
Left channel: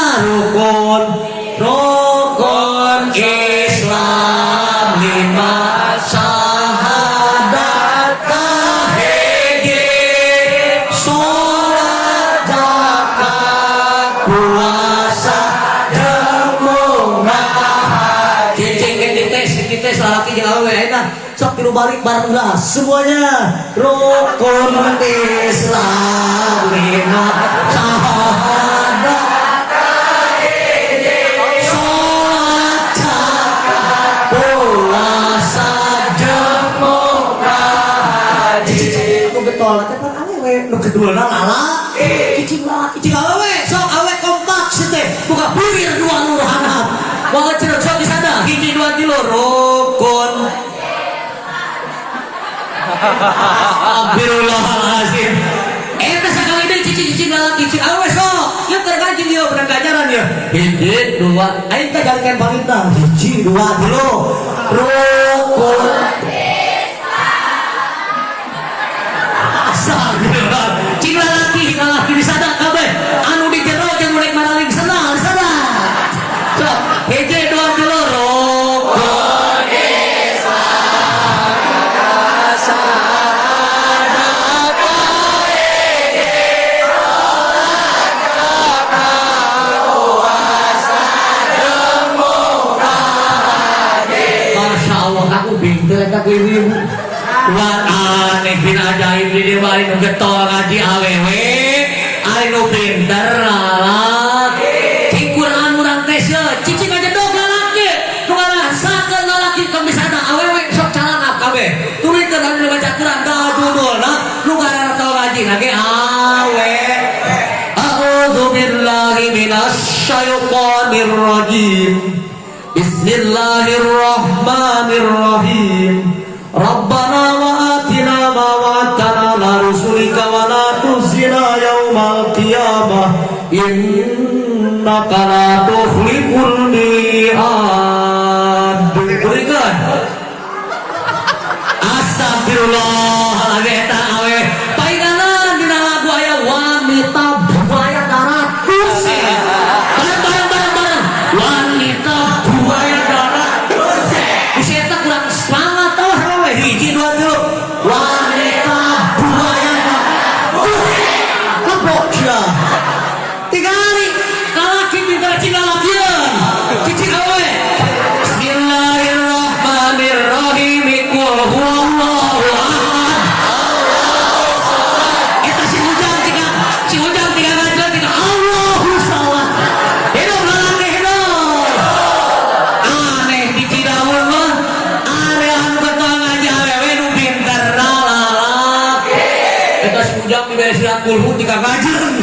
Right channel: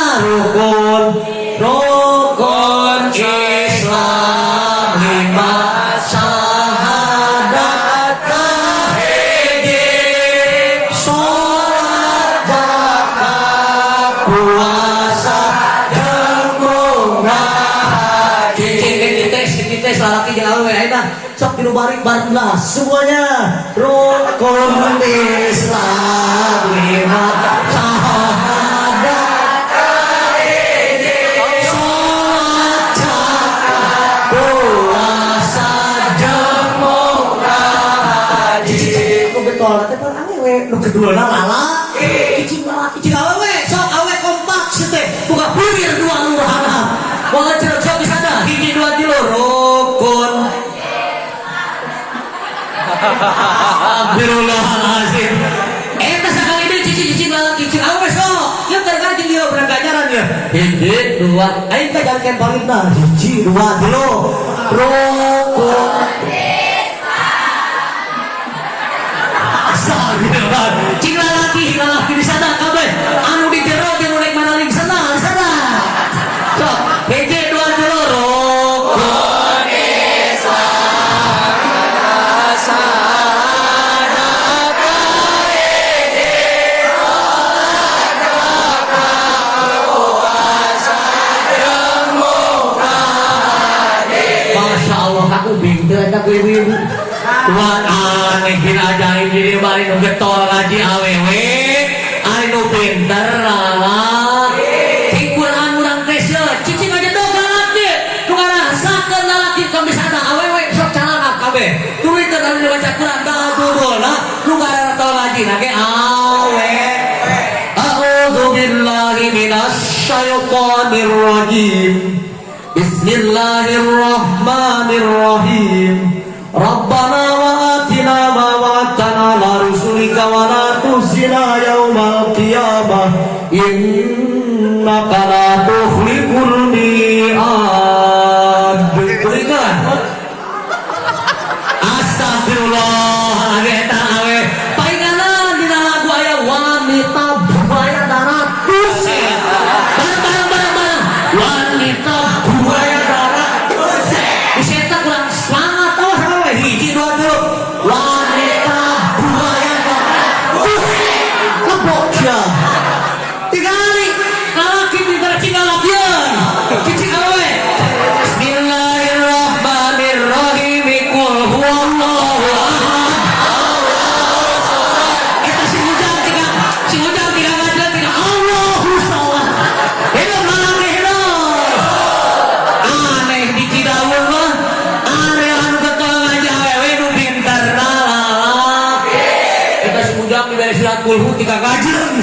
rukun Islam lima syahadat kahiji sholat zakat puasa jeung munggah haji cicing teh lalaki jeung awewe eta sok tilu balik bareng lah semuanya rukun Islam lima syahadat sholat zakat puasa jeung munggah haji nu getol teh pan awewe nu keduana lalaki cicing lalaki jeung awewe sok awewe kompak teh buka pirir dua nu handap wah cenah sok di sana hiji dua tilu rukun Astagfirullahaladzim. Eta sakali teh cicing lalaki cing awewe sok ieu teh kan jeung dieu bener ganjaran ya hiji dua aing teh jalikeun parintah hiji dua tilu rukun Astagfirullah. Cing lalaki di sana kabeh anu di jero jeung urek naraling sadar. Sok hiji dua tilu rukun Islam syahadat kahiji sholat zakat puasa jeung munggah haji. Masya Allah aku bingung rek ibu. Wan aneh bin ajaib di dieu mah nu getol ngaji awewe ari nu pinter lalaki cing Quran urang teh cicing aja dong lalaki nu ngarasakeun lalaki kamisana awewe sok calana kabeh turikeun ari nu baca Quran da judulna nu ngaranna tol ngaji ge awe a'udzu billahi minasy syaithanir rajim bismillahirrahmanirrahim Rabbana wa atina ma wa'adtana ala rusulika wa la tukhzina yaumal qiyamah innaka la tukhliful mi'ad. Berikan. Astagfirullah eta awe. Painganan dina lagu aya wanita buaya darat kursi. Bareng. Wanita buaya darat kursi. Bisa kurang semangat tau hawe hiji dua tilu wanita buaya kursi lepok ya tiga kali lalaki minta cina lakian cicing awe bismillahirrahmanirrahim qul huwallahu ahad kita si ujang tiga ngajar tiga Allahu samad hidup lalaki hidup aneh di cidaun mah aneh anu getol ngaji awewe nu pinter lalaki kita si ujang diberi surat kulhu tiga gajeun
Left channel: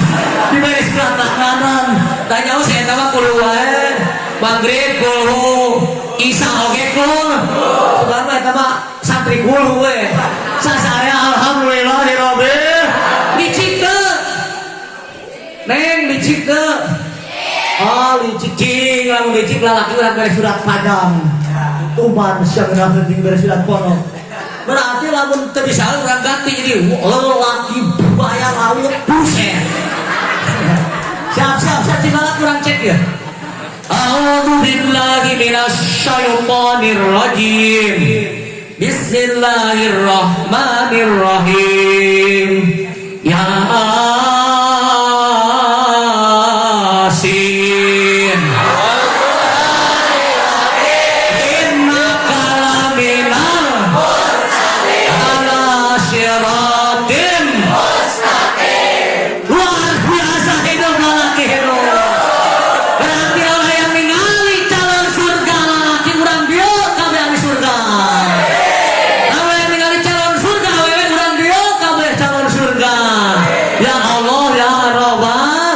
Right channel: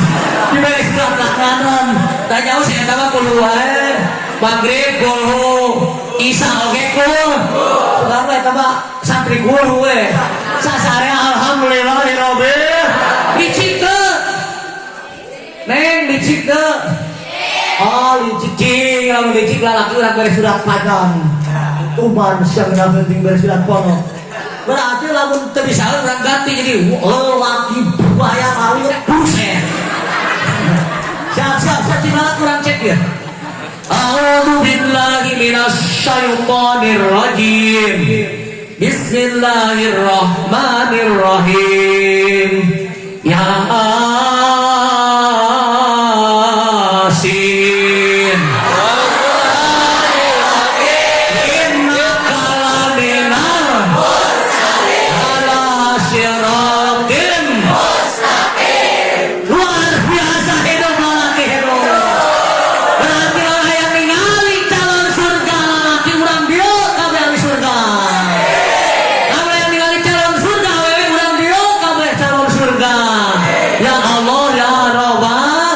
diberi surat kanan tah jauh si eta mah kulhu wae maghrib kulhu isya oge kulhu sebab eta mah santri kulhu we sasarea alhamdulillahirabbil licik teu neng licik teu oh licik lamun licik lalaki urang beri surat padang tuman siang penting beri surat pondok berarti lamun teu bisa urang ganti jadi lelaki buaya lalu buset siap tinggal kurang cek ya a'udzu billahi minasy syaithanir rajim bismillahirrahmanirrahim Yasin innaka laminal ala siratim luar biasa hidup lalaki hidup berarti orang yang ningali calon surga lalaki urang dia kabeh ahli surga kabeh yang ningali calon surga awewe urang dia kabeh calon surga ya Allah ya Rabbal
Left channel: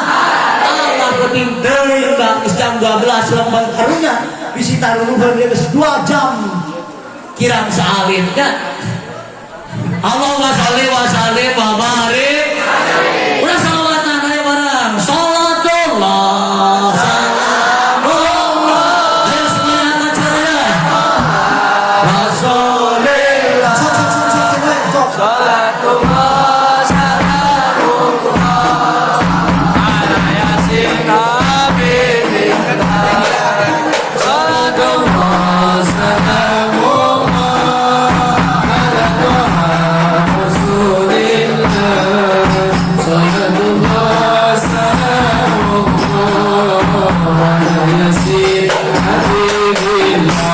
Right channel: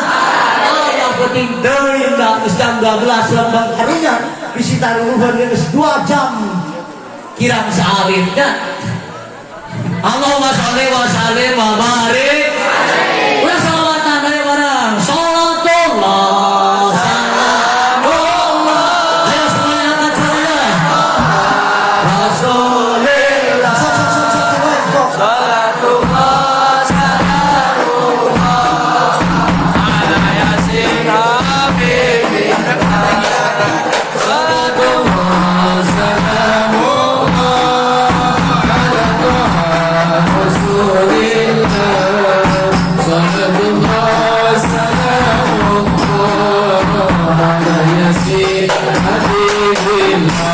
Allah penting deui ka jam 12 lembang harinya bisi taruhan geus 2 jam kirang saalitnya. Allahumma sholli wa sallim wa barik. Udah salawatan ayo bareng. Salatullah salamullah. Ayo semuanya angkat tangannya. Rasulillah Salatullah Salamullah Ala Yasin Habibillah Salatullah Salamullah Ala Rasulillah Salatullah Salamullah Ala Yasin Habibillah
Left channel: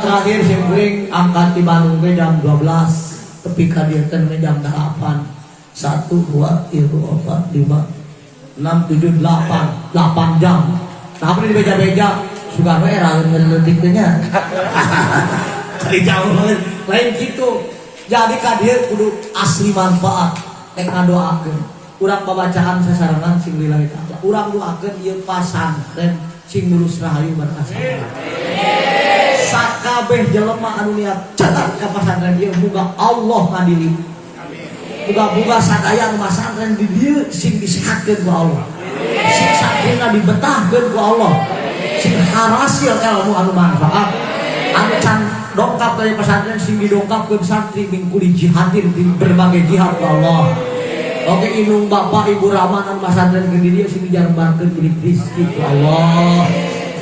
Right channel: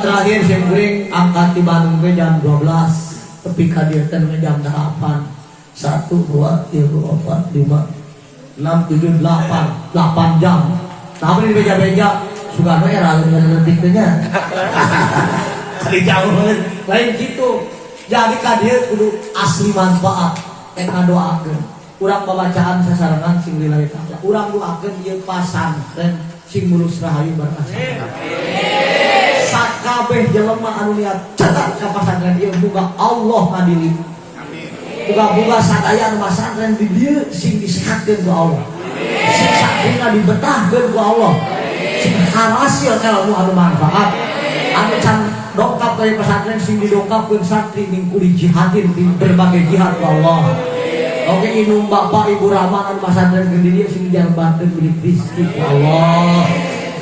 terakhir sembring angkat di Bandung jam 12 tepi kadirkan jam 8 1, 2, 3, 4, 5, 6, 7, 8 8 jam tapi di beja-beja suka era lebih-lebihnya kali jauh lain gitu jadi kadir kudu asli manfaat yang doakan urang pembacaan sasarangan sing lillahi ta'ala urang doakan ieu pasantren sing mulus rahayu berkah sakabeh jelema anu niat catat ka pasantren ieu muga Allah ngadili muga-muga sadaya anu pasantren di dieu sing disehatkeun ku Allah sing sakinah dibetahkeun ku Allah sing harasil ilmu anu manfaat anu can dongkap dari pesantren sing didongkapkeun santri mingkuli jihadin di berbagai jihad ku Allah. Oke inung bapak ibu Rahman anu pasantren geun dieu sing jarang bantuin beli rezeki ku Allah.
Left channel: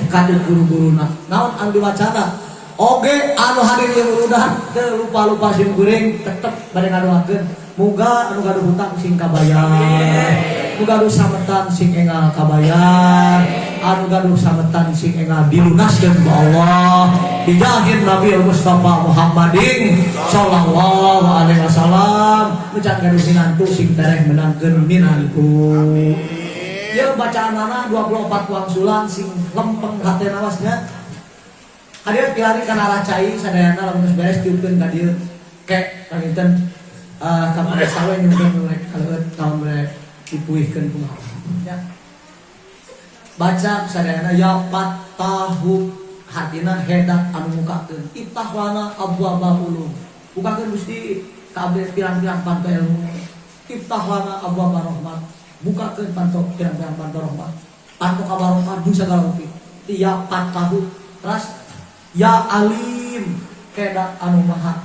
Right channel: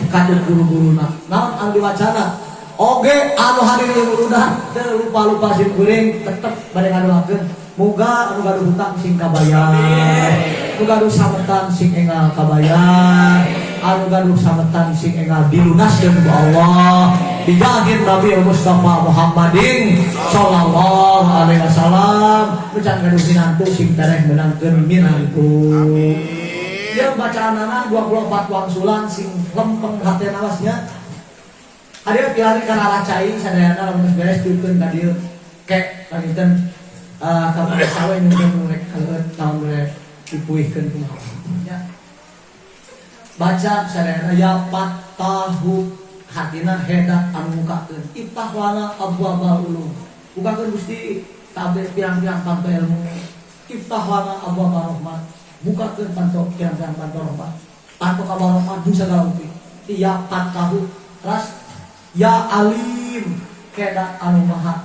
Kader guru-guruna naon anu diwacana oge anu hadir yang udah teu lupa-lupa sim kuring tetep bade ngadoakeun muga anu gaduh hutang sing kabayar muga gaduh sametan sing engal kabayar anu gaduh sametan sing engal dilunaskeun ku Allah dijahir Nabi Mustafa Muhammadin sallallahu alaihi wasallam ucan gaduh sinantu sing tereh menangkeun minantu. Dia bacaan anak 24 uang sulang sing lempeng hati nawasnya. Ada pilari karena racai sadayana lamun beres diukeun ka dieu kek kaniten kamar sawe nyukeun mulai kalau tahun mulai dipuihkeun ku ya. Baca sadayana ya tahu hatina hedak anu mukakeun iftah lana abwaaba ulum. Bukakeun Gusti kabeh pirang-pirang panto ilmu. Iftah lana abwaaba rahmat. Bukakeun panto pirang-pirang panto rahmat. Panto kabarokah di segala upi. Ya tahu terus ya alim kedak anu maha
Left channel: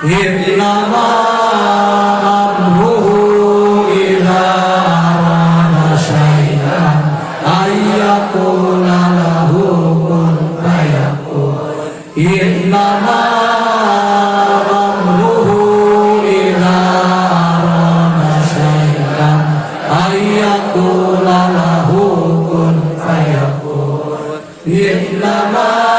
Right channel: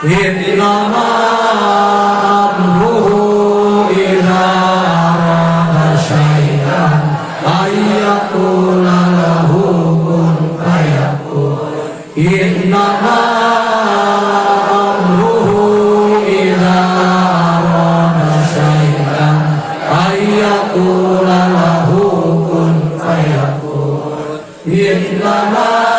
innama amruhu idza arada syai'an ayyaqula lahu kun fayakun innama amruhu idza arada syai'an ayyaqula lahu kun fayakun innama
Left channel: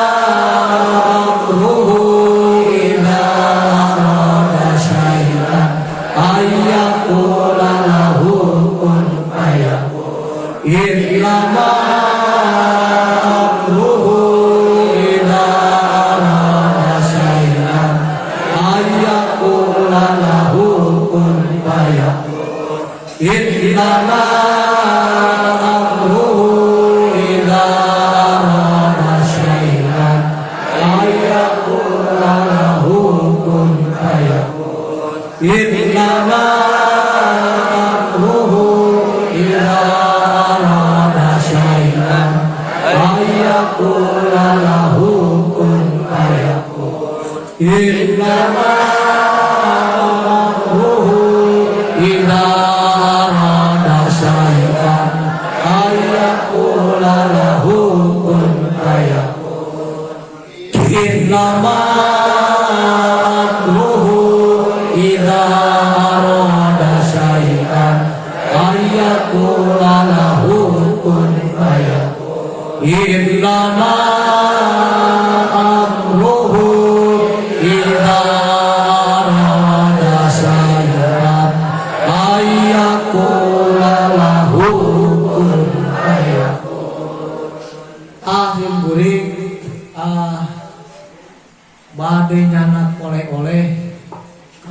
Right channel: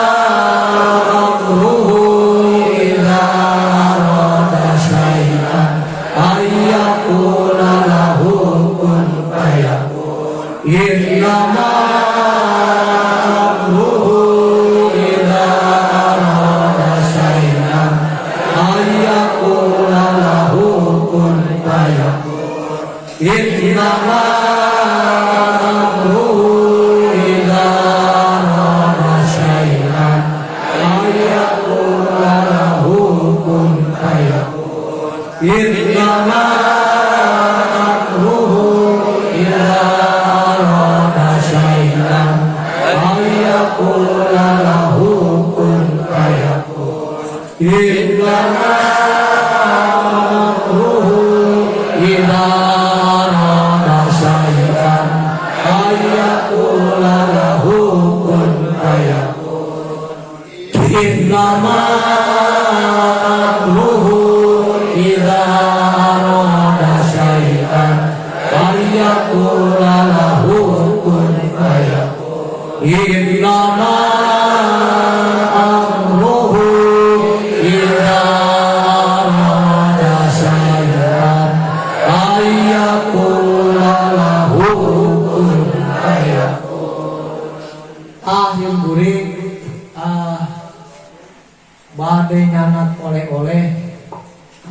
bade nyanak oleh-oleh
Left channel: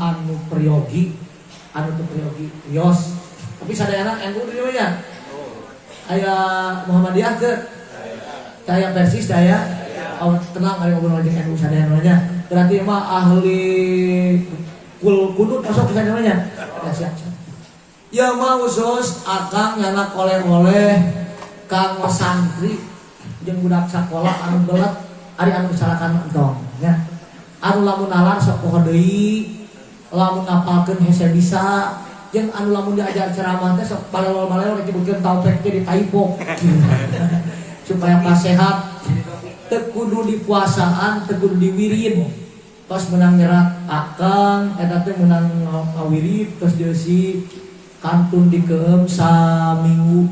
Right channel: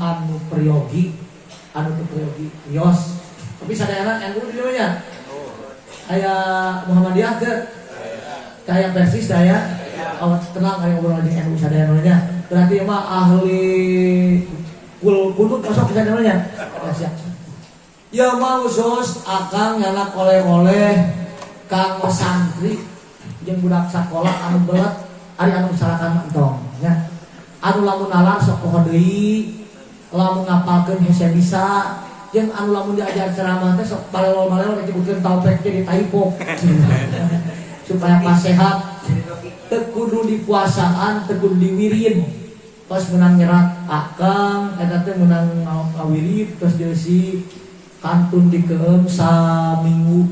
anu priyogi wios tapi sadayana yang kudu di mana aya Muhammadiyah ke saya Persis saya tenang ari ngobrol jeung anu sadayana nya berarti mah ahli kunut masuk ke sadayana nya ya siap ya mau sos akang nyanak oleh-oleh kang santri jeung budak sakola anu belet ari anu kesalahan entong nya anu lamun nalar sok poho deui lamun ngapalkeun hese bisa jeung anu lamun diajar ceramah teh sok balewal-balewal disebutkeun taupek teh ditaipok supaya sehat teu kudu dipuasaan teu kudu diwirid tos menang nyerat akang eta teh menang ngawirid tos dieusi kantun dikeum saminggu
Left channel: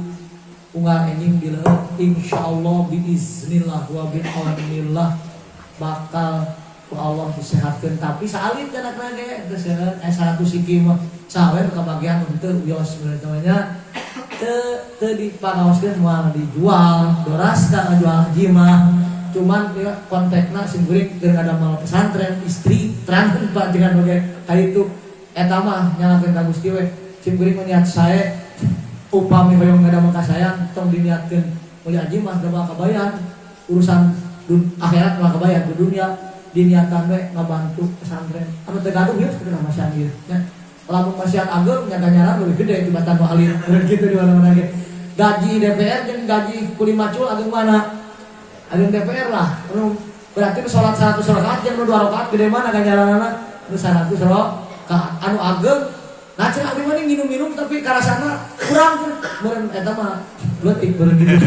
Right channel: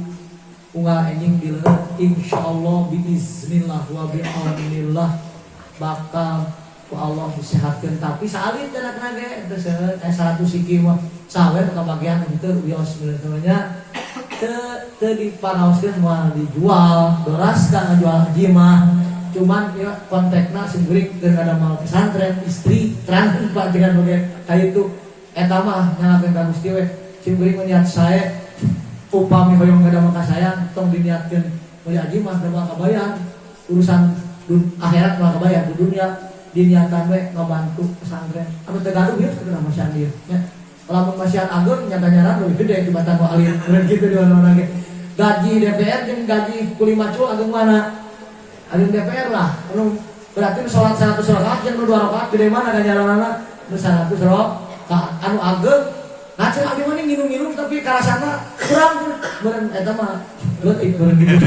unggal enjing dileut insyaallah biiznillah wa bi'aunillah bakal ku Allah disehatkeun tapi salit cenah ge teu seueur 100 siki mah sawe kebagian henteu wios namanya teu diparaoskeun moal dijual beras ka ngajual haji mah cuman kontekna seueuring keur ada mal pesantren istri terang Pak dengan bagai kali itu eta mah nyalakeun ka Gusti we seueuring niat sae upami hoyong ngada maka sayang tong diniatkeun mulia haji mah da kabayan urusan akhirat mah kabayan di dunia diniatan we ngabantu pesantren anu teu gaduh ya sebenarnya masih alir nya lamun masih agung nyata-nyata lebih gede tibatan nu alir bener kitu di mana-mana ge gaji DPR jeung gaji kuli macul agung mana agung DPR lah anu berarti nu salat 100 rakaat jeung nu 2 rakaat gede mana ganjaranna nu 100 rakaat anu agung nah cenah abdi mah nginum-nginum tapi karasana kurang meureun eta mah leutik meureun gitu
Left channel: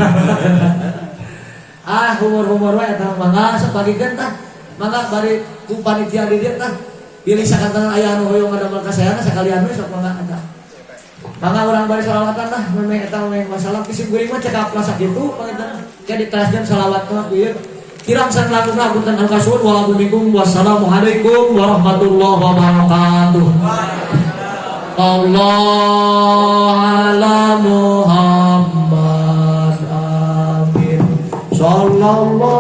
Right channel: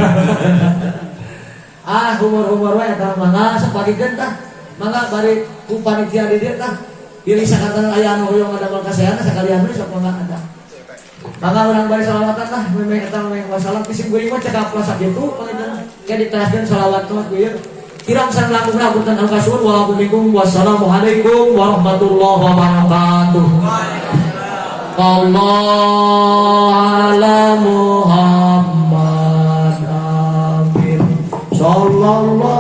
humor-humor we eta mah sok bagikeun tah mangga bari ku panitia di dieu tah pilih sakanteun aya anu hoyong ngadamel kasayana sakalian we sok mangga ada mangga urang bari salawatan tah meme eta meme masalah pisim geuring mah cekap plasak kitu pangeun jadi taskeun salawat mah ieu kirang sareng lakukan anu kasuhun wassalamualaikum warahmatullahi wabarakatuh Allah ala Muhammad amin sallallahu